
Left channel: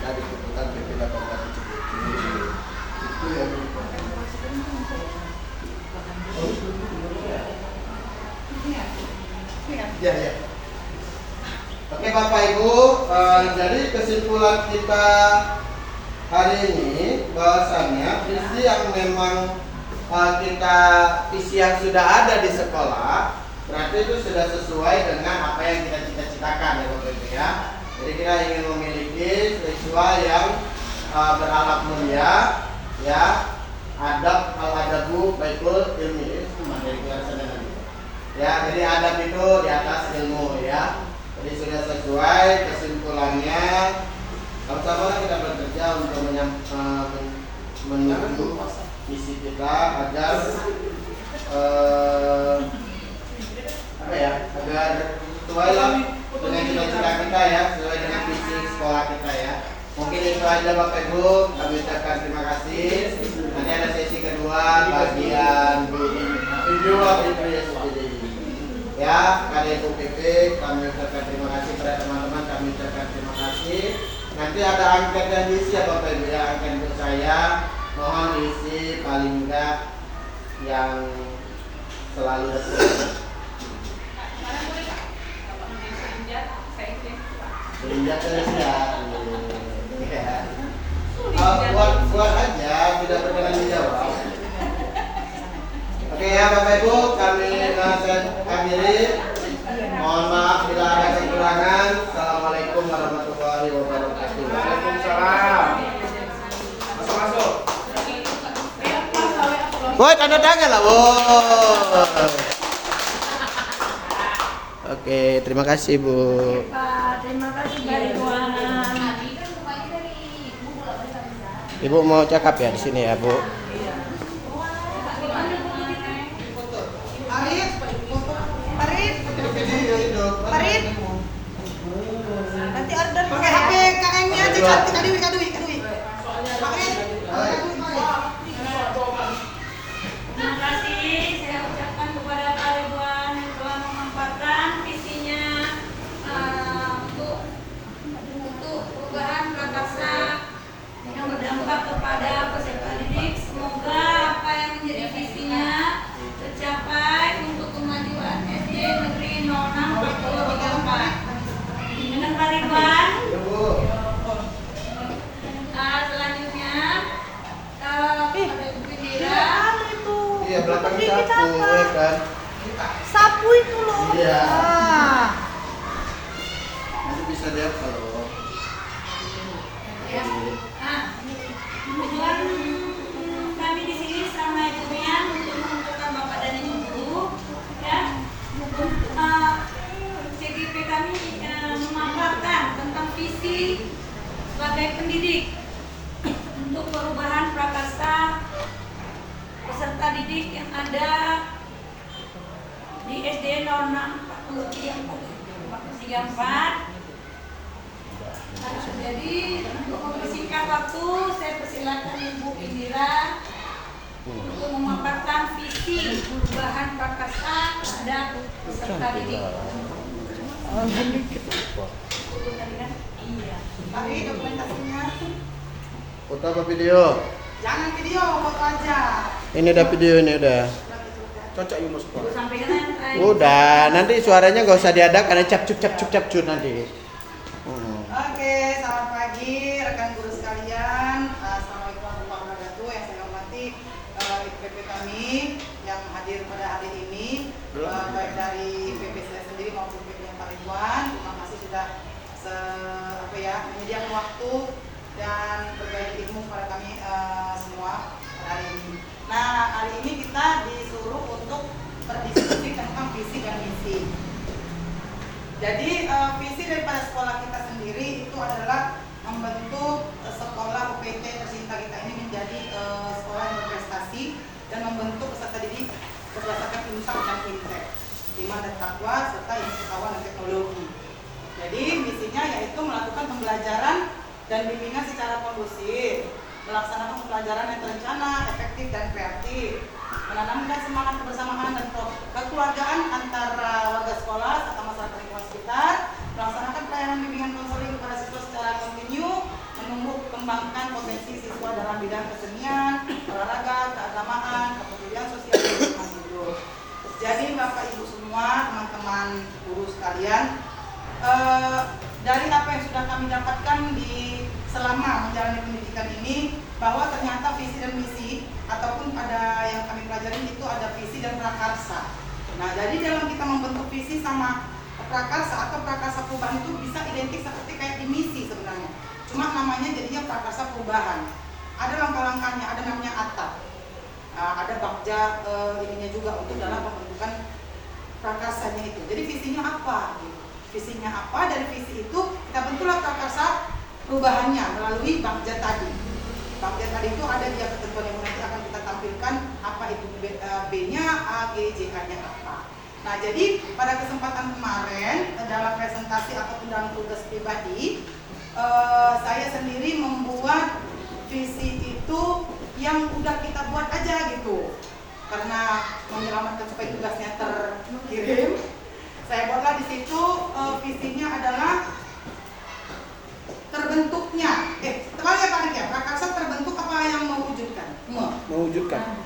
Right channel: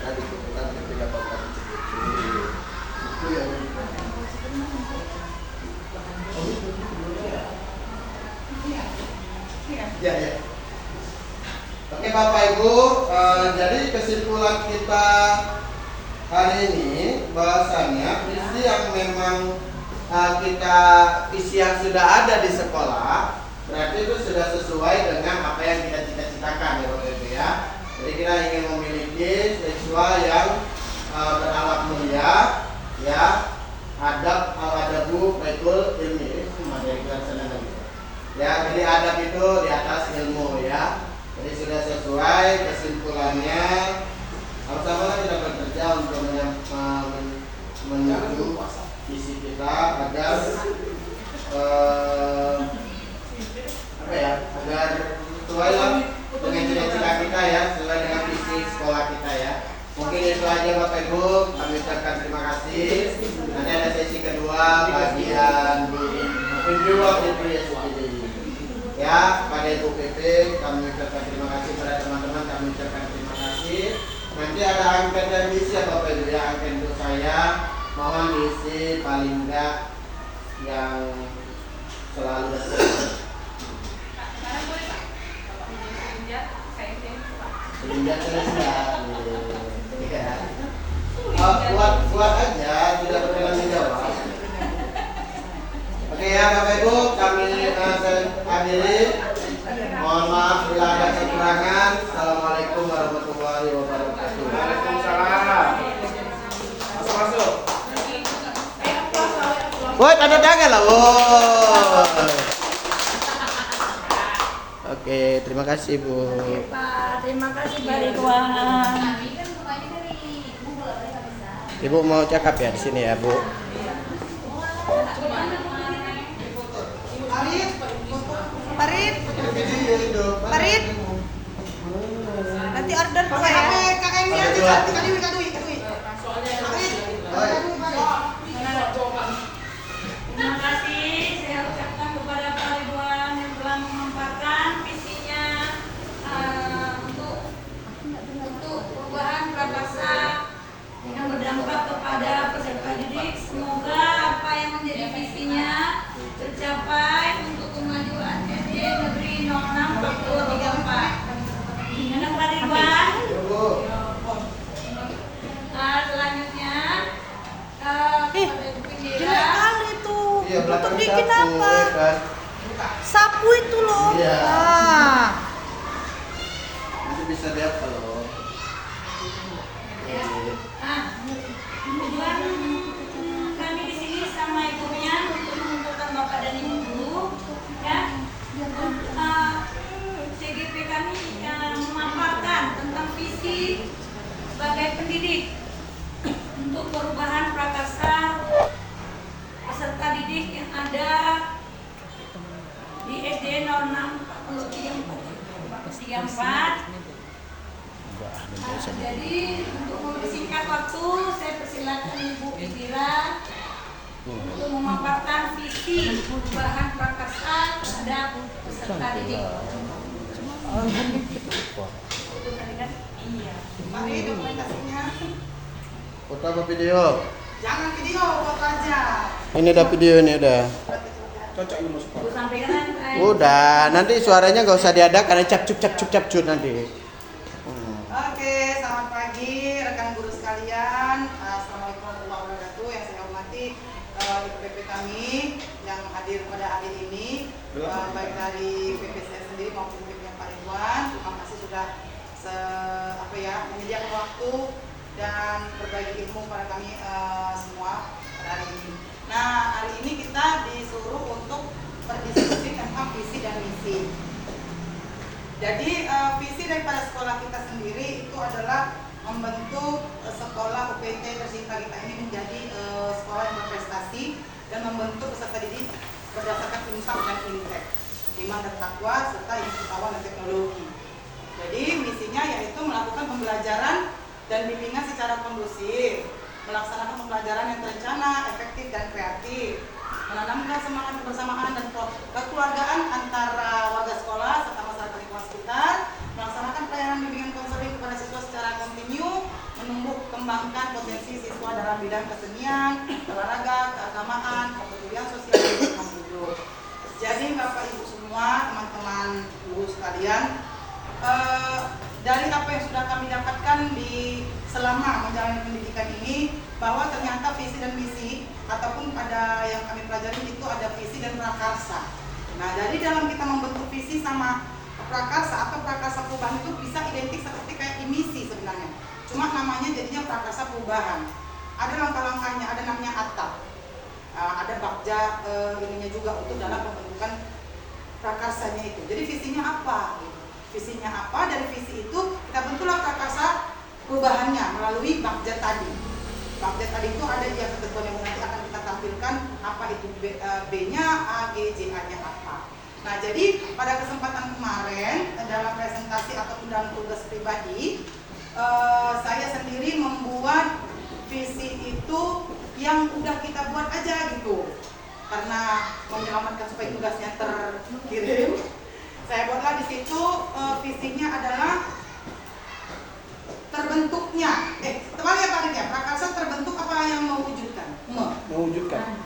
Tadi kebetulan berbeda bapak itu yang ya. Oke Bapak Ibu, jadi kesimpulan kita hari ini bahwasannya visi yang memang visi yang sudah ada di sekolah berarti itu sudah sesuai dengan apa yang kita cita-citakan ya Bapak Ibu ya. Jadi kita ingin memiliki siswa yang berakhlak mulia, ya, adab al-adabu baikul ilmi, itu materi pelajaran lagi. Ya, jadi adab itu di atas ilmu ya. Jadi sudah sesuai kesimpulannya. Sama-sama kita bekerja untuk menuju visi kita agar apa ya? Agar sesuai lah dengan cita-cita kita ya, sesuai dengan visi sekolah kita ya. Mungkin itu aja Bapak Ibu, kami ucapkan terima kasih. Nanti ada sesi kedua bagian review of IPSPD. Ya, pada Ibu PP kami ucapkan terima kasih pada teman-teman, kami ucapkan terima kasih. Nanti ada angket dan misi ya Bapak Ibu ya, angket untuk saya. Mohon isi paling enggak yang selalu Serinjak selesai. Ya. Buat aja, tidak berkenan menjawab. Oke ya Bapak Ibu, kami akhiri. Mohon maaf bila ada kekurangan. Assalamualaikum warahmatullahi wabarakatuh. Waalaikumsalam. Masuk. Woi, tanda tangan lah, woi. Oke, terima kasih Bu. Pak, terima kasih Pak Ridwan. Ibu mau cakap ya di sini ya Bu. Arif, Hidup. Arif. Nanti order pakai PKN-nya Ada dua. kadui. Terima kasih saya ucapkan kepada Pak Ridwan yang telah memaparkan visinya untuk perubahan prakarsa yang berdampak kepada peserta didik. Semoga apa yang menjadi visinya tercapai untuk kemajuan SD Negeri 06 Papua 34. Dengan Pak Ridwan. Selanjutnya pada Ibu Indira. Iya, belakang sapu ya kan. Sapu itu loh. Iya. Nah. Nanti bisa lihat kalau Ya. Nah, tujuan kami di sini sama ibunya untuk mengumpulkan Bapak dan Ibu guru, ya. CGP kami memaparkan tentang visi sebagai pendidik untuk perubahan prakarsa peserta didik yang ada di SD 06 43 jadi untuk mempersingkat waktu, saya persilakan Ibu Indira untuk memaparkan visi perubahan prakarsa terhadap peserta didik. Itu tadi kan? Iya. Mari dokumentasinya. foto apa video? Jangan video, foto aja. Ini udah video ini udah. Cocok ilmu sekolah. Ibu sampaikan. Udah, nanti suaranya nggak usah diadakan, karena cap nanti. Oke, selamat pagi rekan guru sekalian. Assalamualaikum warahmatullahi wabarakatuh. Yang saya hormati IPP kami yang hadir pada hari ini, baik dari PP saya sendiri maupun PP yang Pak Ridwan. Terima kasih sudah menyediakan waktu dan berbagi ilmu kepada kami semua pada hari ini. Nah, hari ini kita disuruh untuk berdiskusi tentang visi dan misi. Jadi visi daripada sekolah kita sendiri itu adalah membentuk sekolah UPT tercinta kita ini menjadi sekolah yang berprestasi dan membentuk peserta didik berdasarkan intak dan intek, iman dan takwa serta ilmu pengetahuan dan teknologi. Jadi misinya yaitu melakukan pembelajaran dan bimbingan secara kondusif, melaksanakan pembelajaran yang terencana, efektif dan kreatif, menanamkan semangat kebersamaan dan kekeluargaan antara warga sekolah serta masyarakat lingkungan sekitar, melaksanakan pelayanan bimbingan konseling kepada siswa secara kontinu, menumbuh kembangkan potensi siswa dalam bidang kesenian, olahraga, keagamaan, kepedulian sosial dan lingkungan hidup. Jadi Bapak Ibu semua, teman-teman guru sekalian, dari apa yang sudah kami dapatkan di selama menjalani pendidikan ini, bahwa ternyata visi dan misi ataupun pada yang kami pelajari itu ada visi dan prakarsa. Nah, jadi dalam kita membentuk visi sama prakarsa atau prakarsa perubahan itu bisa identik seperti kayak di misi sebenarnya. Cuma namanya jadinya prakarsa perubahan. Ada langkah-langkahnya, ada namanya atap. Ada bakja ininya juga untuk dalam pembentukan prakarsanya itu. Jadi visinya apa? Visinya apa? Dari visi itu kita bentuklah prakarsa perubahannya melalui Bagja tadi. Bagja tadi itu ada dia ketentuan yang nanti akan kita tampilkan apa itu B-nya, A, G, J, A-nya apa. Nah, jadi pada kesempatan kemarin dalam presentasi ataupun dalam tugas pribadi, saya sendiri membuat visi itu yang udah kita buat aja gitu. Karena menyelamatkan supaya tugasnya terkirim, saya buatlah di situ visinya adalah terbentuknya. Terbalik prakarsa terbentuk apa yang mewujudkan? Mewujudkan.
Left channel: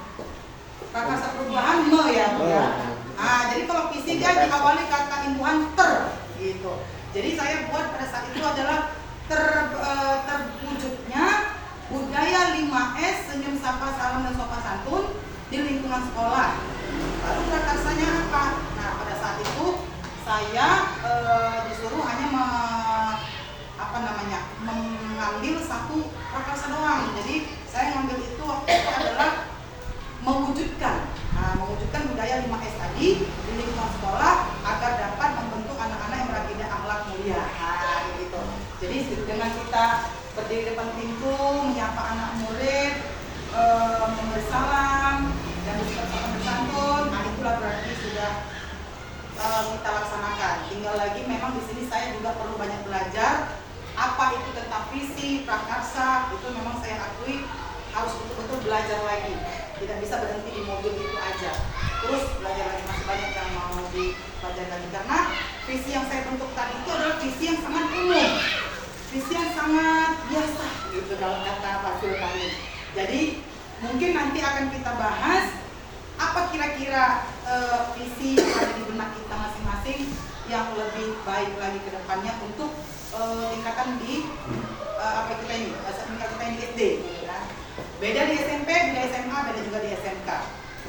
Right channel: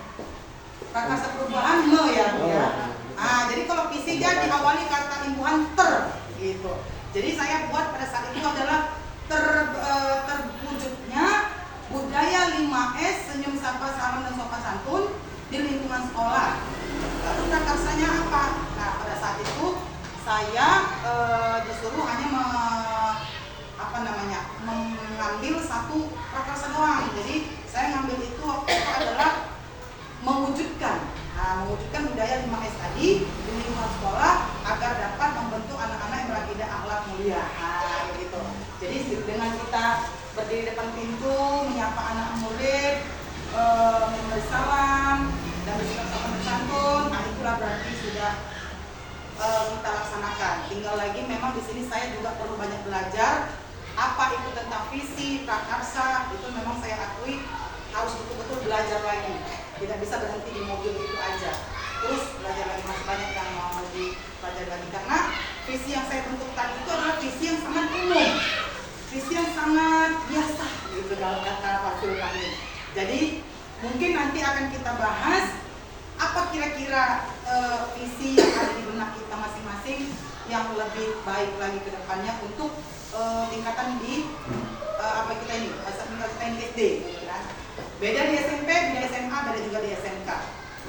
Prakarsa perubahan ya, Bu ya. Jadi kalau visi dia diawali kata imbuhan gitu. Jadi saya buat pada saat itu adalah terwujudnya budaya 5S senyum sapa salam dan sopan santun di lingkungan sekolah. Lalu prakarsanya apa? Nah, pada saat itu saya disuruh hanya mengambil satu prakarsa doang. Jadi saya ngambil itu waktu itu adalah mewujudkan. Mewujudkan budaya 5S tadi di lingkungan sekolah agar dapat membentuk anak-anak yang berakidah akhlak mulia. Gitu. Jadi dengan kita berdiri depan pintu, menyapa anak murid, memberi salam dan bersikap sopan bersantun, itulah berarti sudah kita laksanakan. Tinggal lagi memang di sini saya juga perlu banyak belajar apa itu tentang visi, prakarsa, itu memang saya akui harus betul-betul belajar lagi. Tidak bisa berhenti di modul itu aja. Terus belajar lagi, masih banyak yang mau dipelajari lagi. Karena visi yang saya bentuk tadi itu adalah visi yang sangat umum, visi yang sangat biasa gitu dalam kata Pak Zulkarnain. Jadi mungkin nanti akan kita bahas apa kira-kira visi yang ada di benak kita masing-masing yang lebih baik lagi ke depannya untuk tingkatan di kita ini di SD gitu kan. Beda di SMP, beda SMA, beda juga di SMK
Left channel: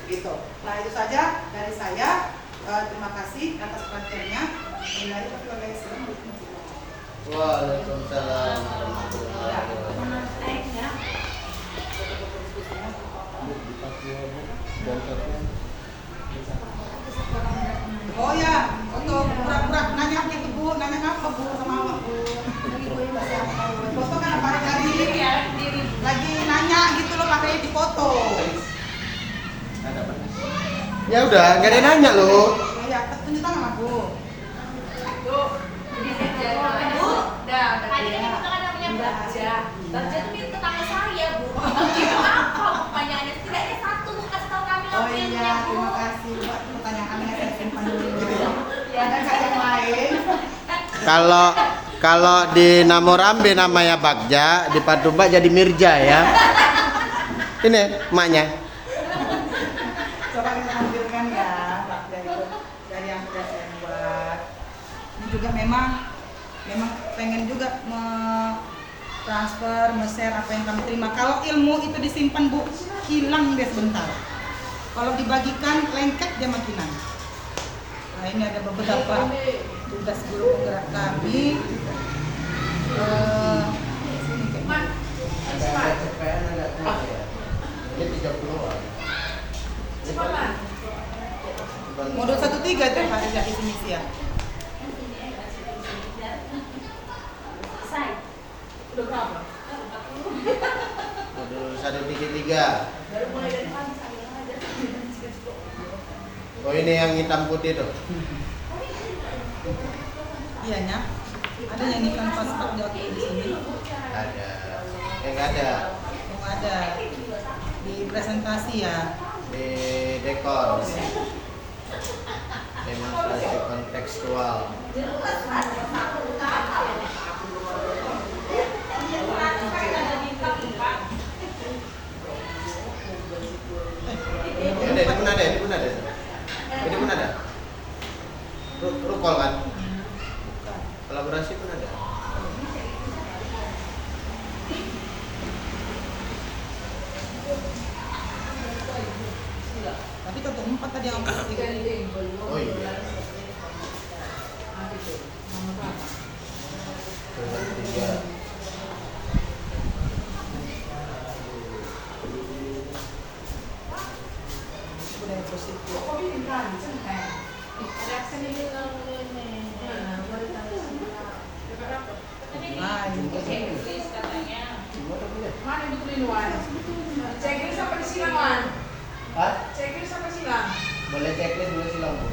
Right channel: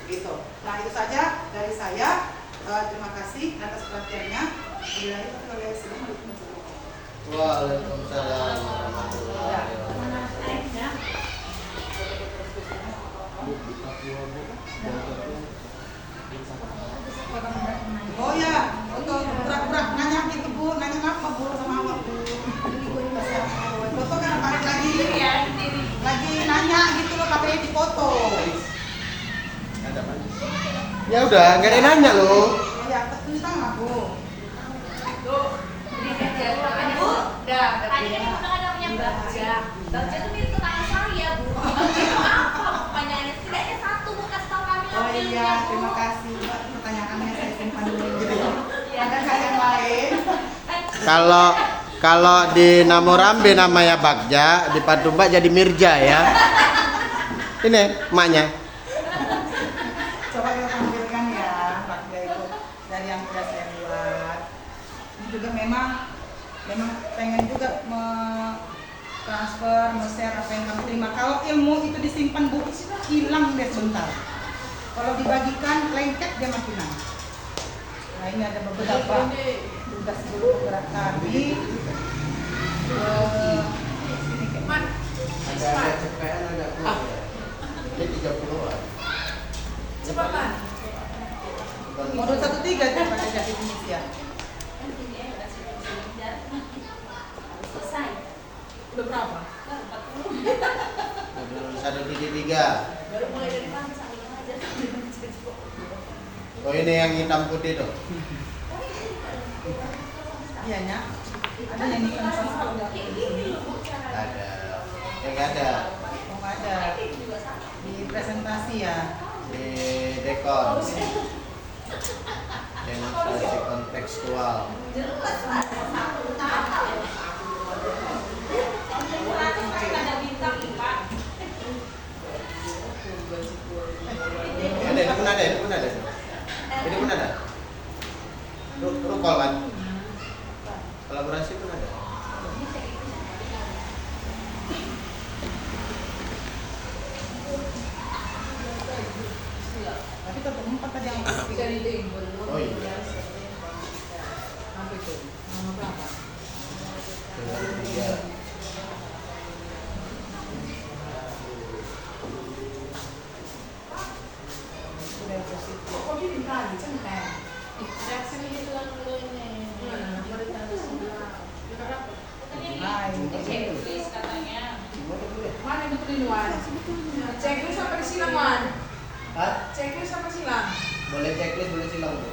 gitu. Nah, itu saja dari saya. Terima kasih atas perhatiannya. Waalaikumsalam warahmatullahi wabarakatuh. Oh ya, untuk pura-pura nanya gitu Bu, nanya apa Bu sama awak Bu? Foto kan apa lagi nanya gitu loh, katanya di foto. Ya udah, nggak ada yang nanya loh. Ya, tunjuk tangan Bu. Tadi kan kita kan namanya Bagja. Bagja itu mirip tetangga saya, Bu. Apa pertanyaannya? Setidaknya satu, Bu, kasih tahu kami Oh iya, terima kasih buat pertanyaannya, saya simpan dulu. Ada nggak yang lain? Kalau di Namorambe namanya Bagja, di Patumba jadi Mirja ya. Ini emaknya. Coba kita tampilkan ya, Bagja itu dari yang sudah saya buat. Ini juga memang pengen juga transfer, share apa yang kamu terima. Kalau ilmu itu disimpan Bu, hilang deh sebentar. Kalau dibagikan lengket dia makin naik. Nah, ini ada beberapa tugas guru penggerak kami. Sini kayak Agak cepetan, agak kuat ya. Ini 30-an. modul 1-3 tuh pada jadi definisi ya. Udah berapa? Modul 1-3. Oh, ini yang hitam putih tuh. Iya nya. Ada yang ikan pas jauh di sini. Ada. Nggak ada. Oh, ada di presentasi ya. Di dekor. Demonstrasi kontekstual. Ini pun ada. Rukol kan? Kolaborasi pun ada. Tapi tetap 4 tadi yang 3. Oh iya. Nanti tuh. Nama berapa? Dengan 3. Udah positif. Checklist katanya. Mana betulin Wan? Checklist apa disilang Wan? Hah? Checklist apa silang? Boleh checklist, boleh silang Bu.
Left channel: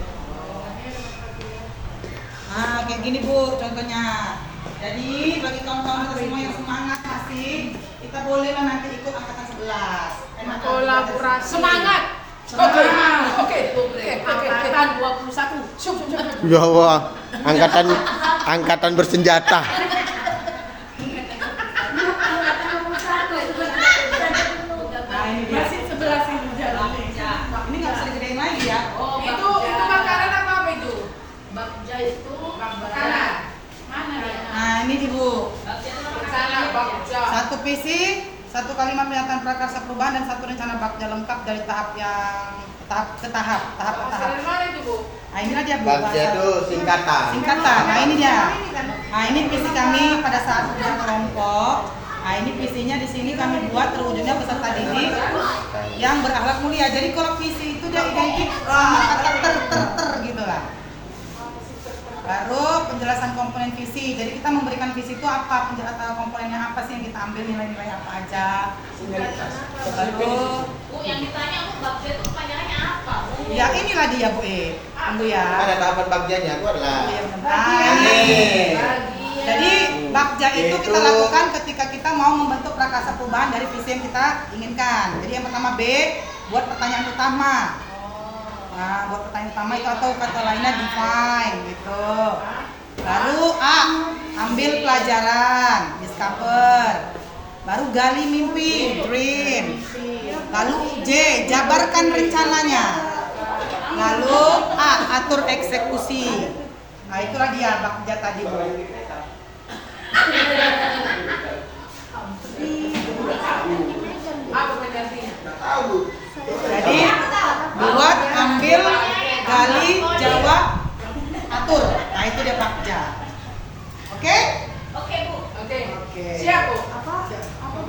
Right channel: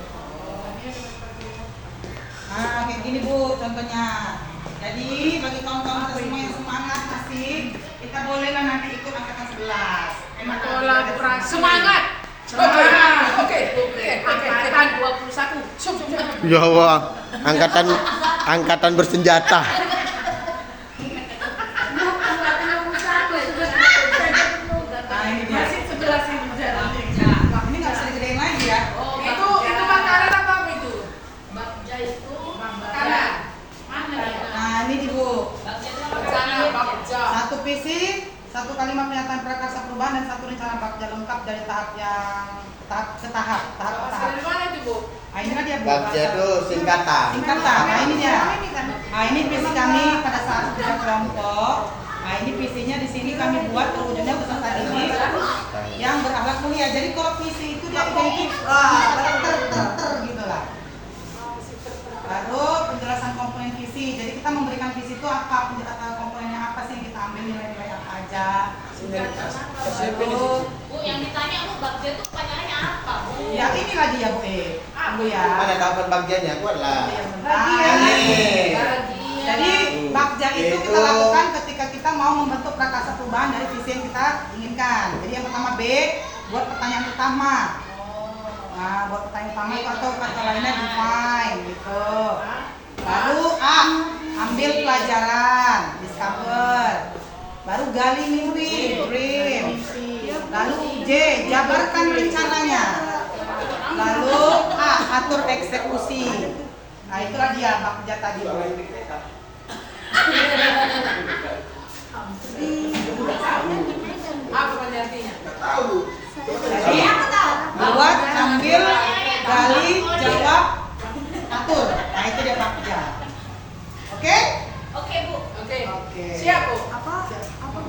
Nah, kayak gini Bu, contohnya. Jadi bagi kawan-kawan kita semua yang semangat masih, kita bolehlah nanti ikut angkatan 11. Kolaborasi. Semangat. Oke. Angkatan 21. Ya Allah, angkatan bersenjata. Nah, ini dia. Masih 11 yang berjalan. Wah, ini nggak bisa digedein lagi ya. Itu makanan apa itu? Bagja itu Makanan. mana ya? Nah, ini nih Bu. Bagja itu Rencana Bagja. Satu visi, satu kalimat pernyataan prakarsa perubahan dan satu rencana Bagja lengkap dari tahap ke tahap. Dari mana itu Bu? Nah, inilah dia Bu. Bagja itu singkatan. Singkatan. Nah, ini dia. Nah, ini visi kami pada saat kerja kelompok. Nah, ini visinya di sini kami buat terwujudnya peserta didik yang berakhlak mulia. Jadi kalau visi itu dia kayak gitu lah. Baru penjelasan komponen visi. Jadi kita memberikan visi itu apa, penjelasan komponennya apa sih yang kita ambil, nilai-nilai apa aja. Baru, Bu, yang ditanya Bu, Bagja itu pertanyaannya apa Bu? ya inilah dia Bu Tunggu ya. Ada tahapan bagjanya, kuat lah. Ini. Bagi. Jadi Bagja itu kita lakukan ketika kita mau membentuk prakarsa perubahan dari visi yang kita inginkan. Jadi yang pertama B, buat pertanyaan pertama. Nah, buat pertanyaan pertama itu atau kata lainnya define gitu. Lalu A, ambil pelajaran, discover. Baru gali mimpi, dream. Lalu J, jabarkan rencananya. Lalu A, atur eksekusi. Nah, itulah dia Bagja tadi Bu. Apa pendampingnya? Jadi buat, ambil, gali, jawab, atur. Nah, itu dia Bagja. Oke? Oke Bu. Oke. Oke. Siap Bu.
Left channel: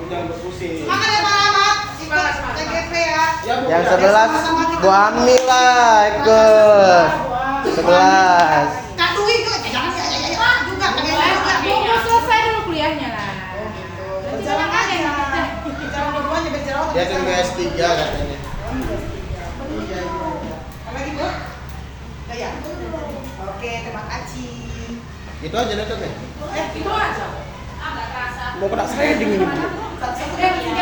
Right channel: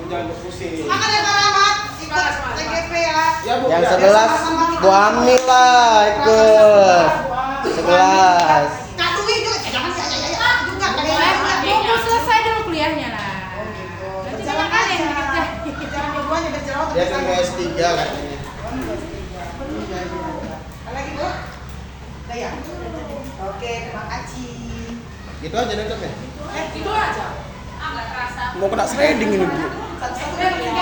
Jangan berpusing. Semangat ya Pak Rahmat, ikut Semangat. TGP ya. Yang 11 Bu Amni lah ikut. 11. Kak Dwi itu jangan ya juga. Mau selesai dulu kuliahnya lah. Oh gitu. Berjalan aja. Jangan dua-duanya berjalan. Dia tunggu S3 katanya. Lagi Bu? Udah ya? Oke, terima kasih. Gitu aja nutupnya. Itu aja. Agak kerasa. Mau kena sliding ini Bu. Nggak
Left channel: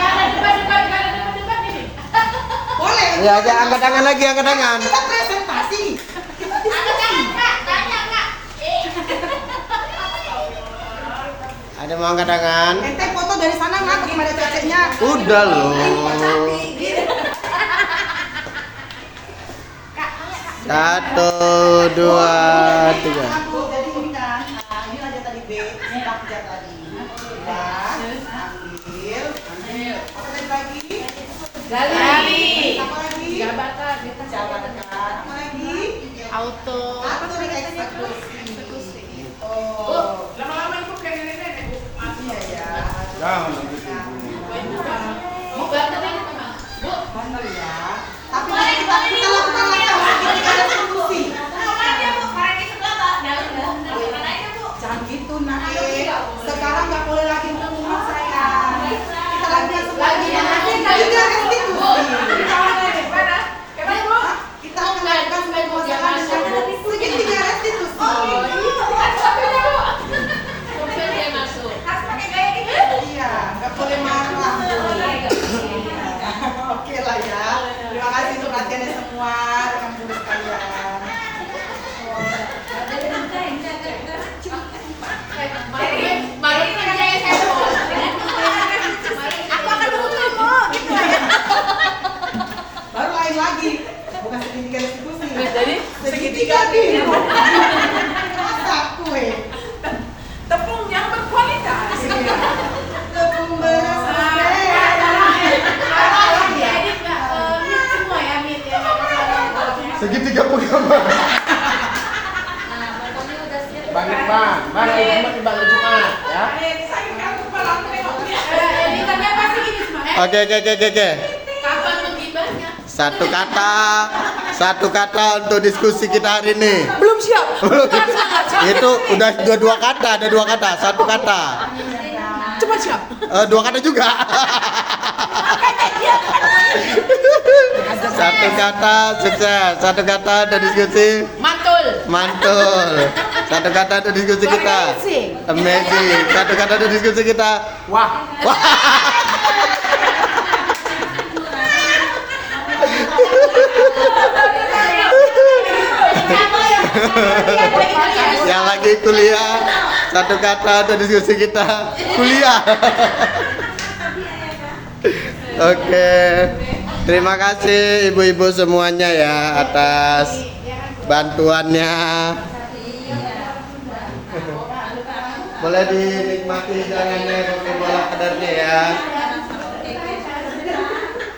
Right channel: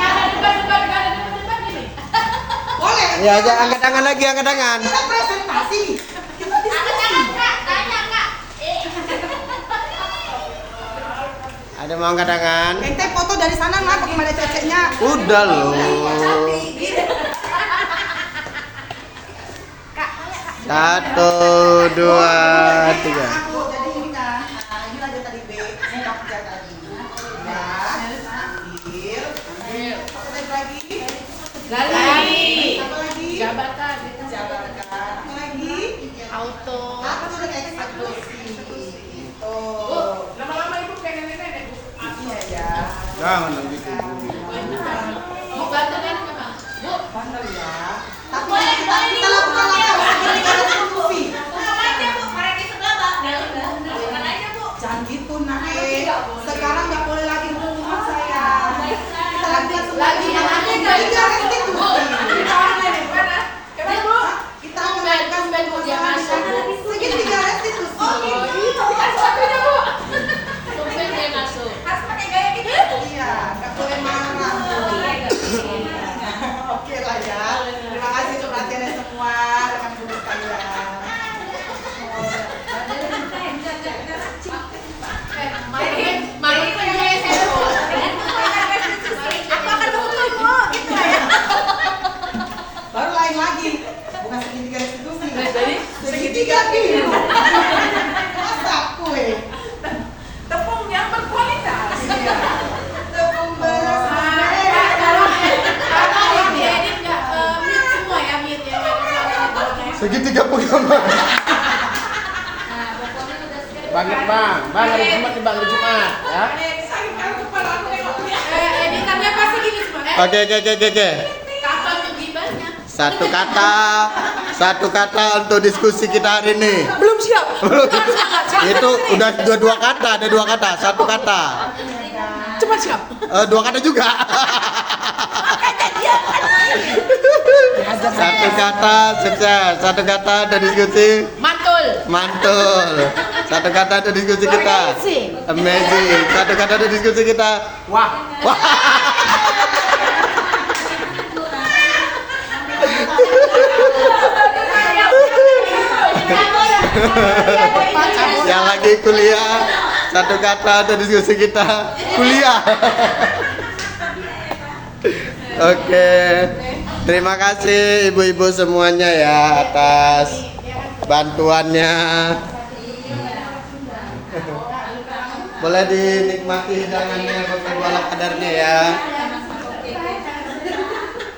ada debat ini. Boleh. Ya aja angkat tangan lagi, angkat tangan. Kita presentasi. Kak, tanya Kak. Ada mau angkat tangan? Ente foto dari sana nggak ketemu ada ceceknya. Udah loh. Satu, dua, tiga. Jadi ini kan, inilah dia tadi B, Bagja tadi. Ambil. Apa tadi lagi? Gali. Apa lagi? Jabatan. Jabatan. Apa lagi? Auto. Atur eksekusi. Itu. Lama-lama itu kayak nenek-nenek Bu. Iya ya. Jangan begitu. Mau bantu ini Kak? Bu. Bandel ya. Tapi kita lakukan langkah kita ada solusi. Jangan gitu naik. Sekarang nggak boleh lagi mengumat saya. Kita lagi yang lagi yang kita restitusi. Kita akan lakukan pembahasan dengan segini tiga restitusi. Iya, nggak boleh marah. Oke lah ya. Terima kasih untuk perhatiannya semua rekan guru sekalian. Malu kerjanya saya. Aku akan kamu gitu ya. Baru lain lagi, bukan segitiga institusi. Jadi Segitiga ini. Masa kue. tepung yang berkualitas. Iya. Tepung beras. Diedit nggak mute semua ya mute ya nggak ada suara. Segitiga pengaman. Nah, pokoknya udah siap. Bang Bang hari Jumat Bang Jumat ya. Editannya pasti gini semua. Oke. Kapan menggibahnya? Satu kata, Satu kata untuk diskusi kita hari ini. Belum siap. Belum. Semangat, siap. Itu udah dua kata, ada dua kata, satu kata. Cepat siap. Dua kata juga. Satu kata sukses, satu kata untuk diskusi Mantul. mantul. Satu kata untuk diskusi kita. Amazing. Amazing. Satu kata untuk diskusi kita. Wah. Wah. Yang lagi kuliah, satu kata untuk diskusi kita. Kuliah. Oke. Terima kasih ibu-ibu semuanya ya atas bantuannya. Boleh dinikmati jalannya pakai balap kadarnya ya.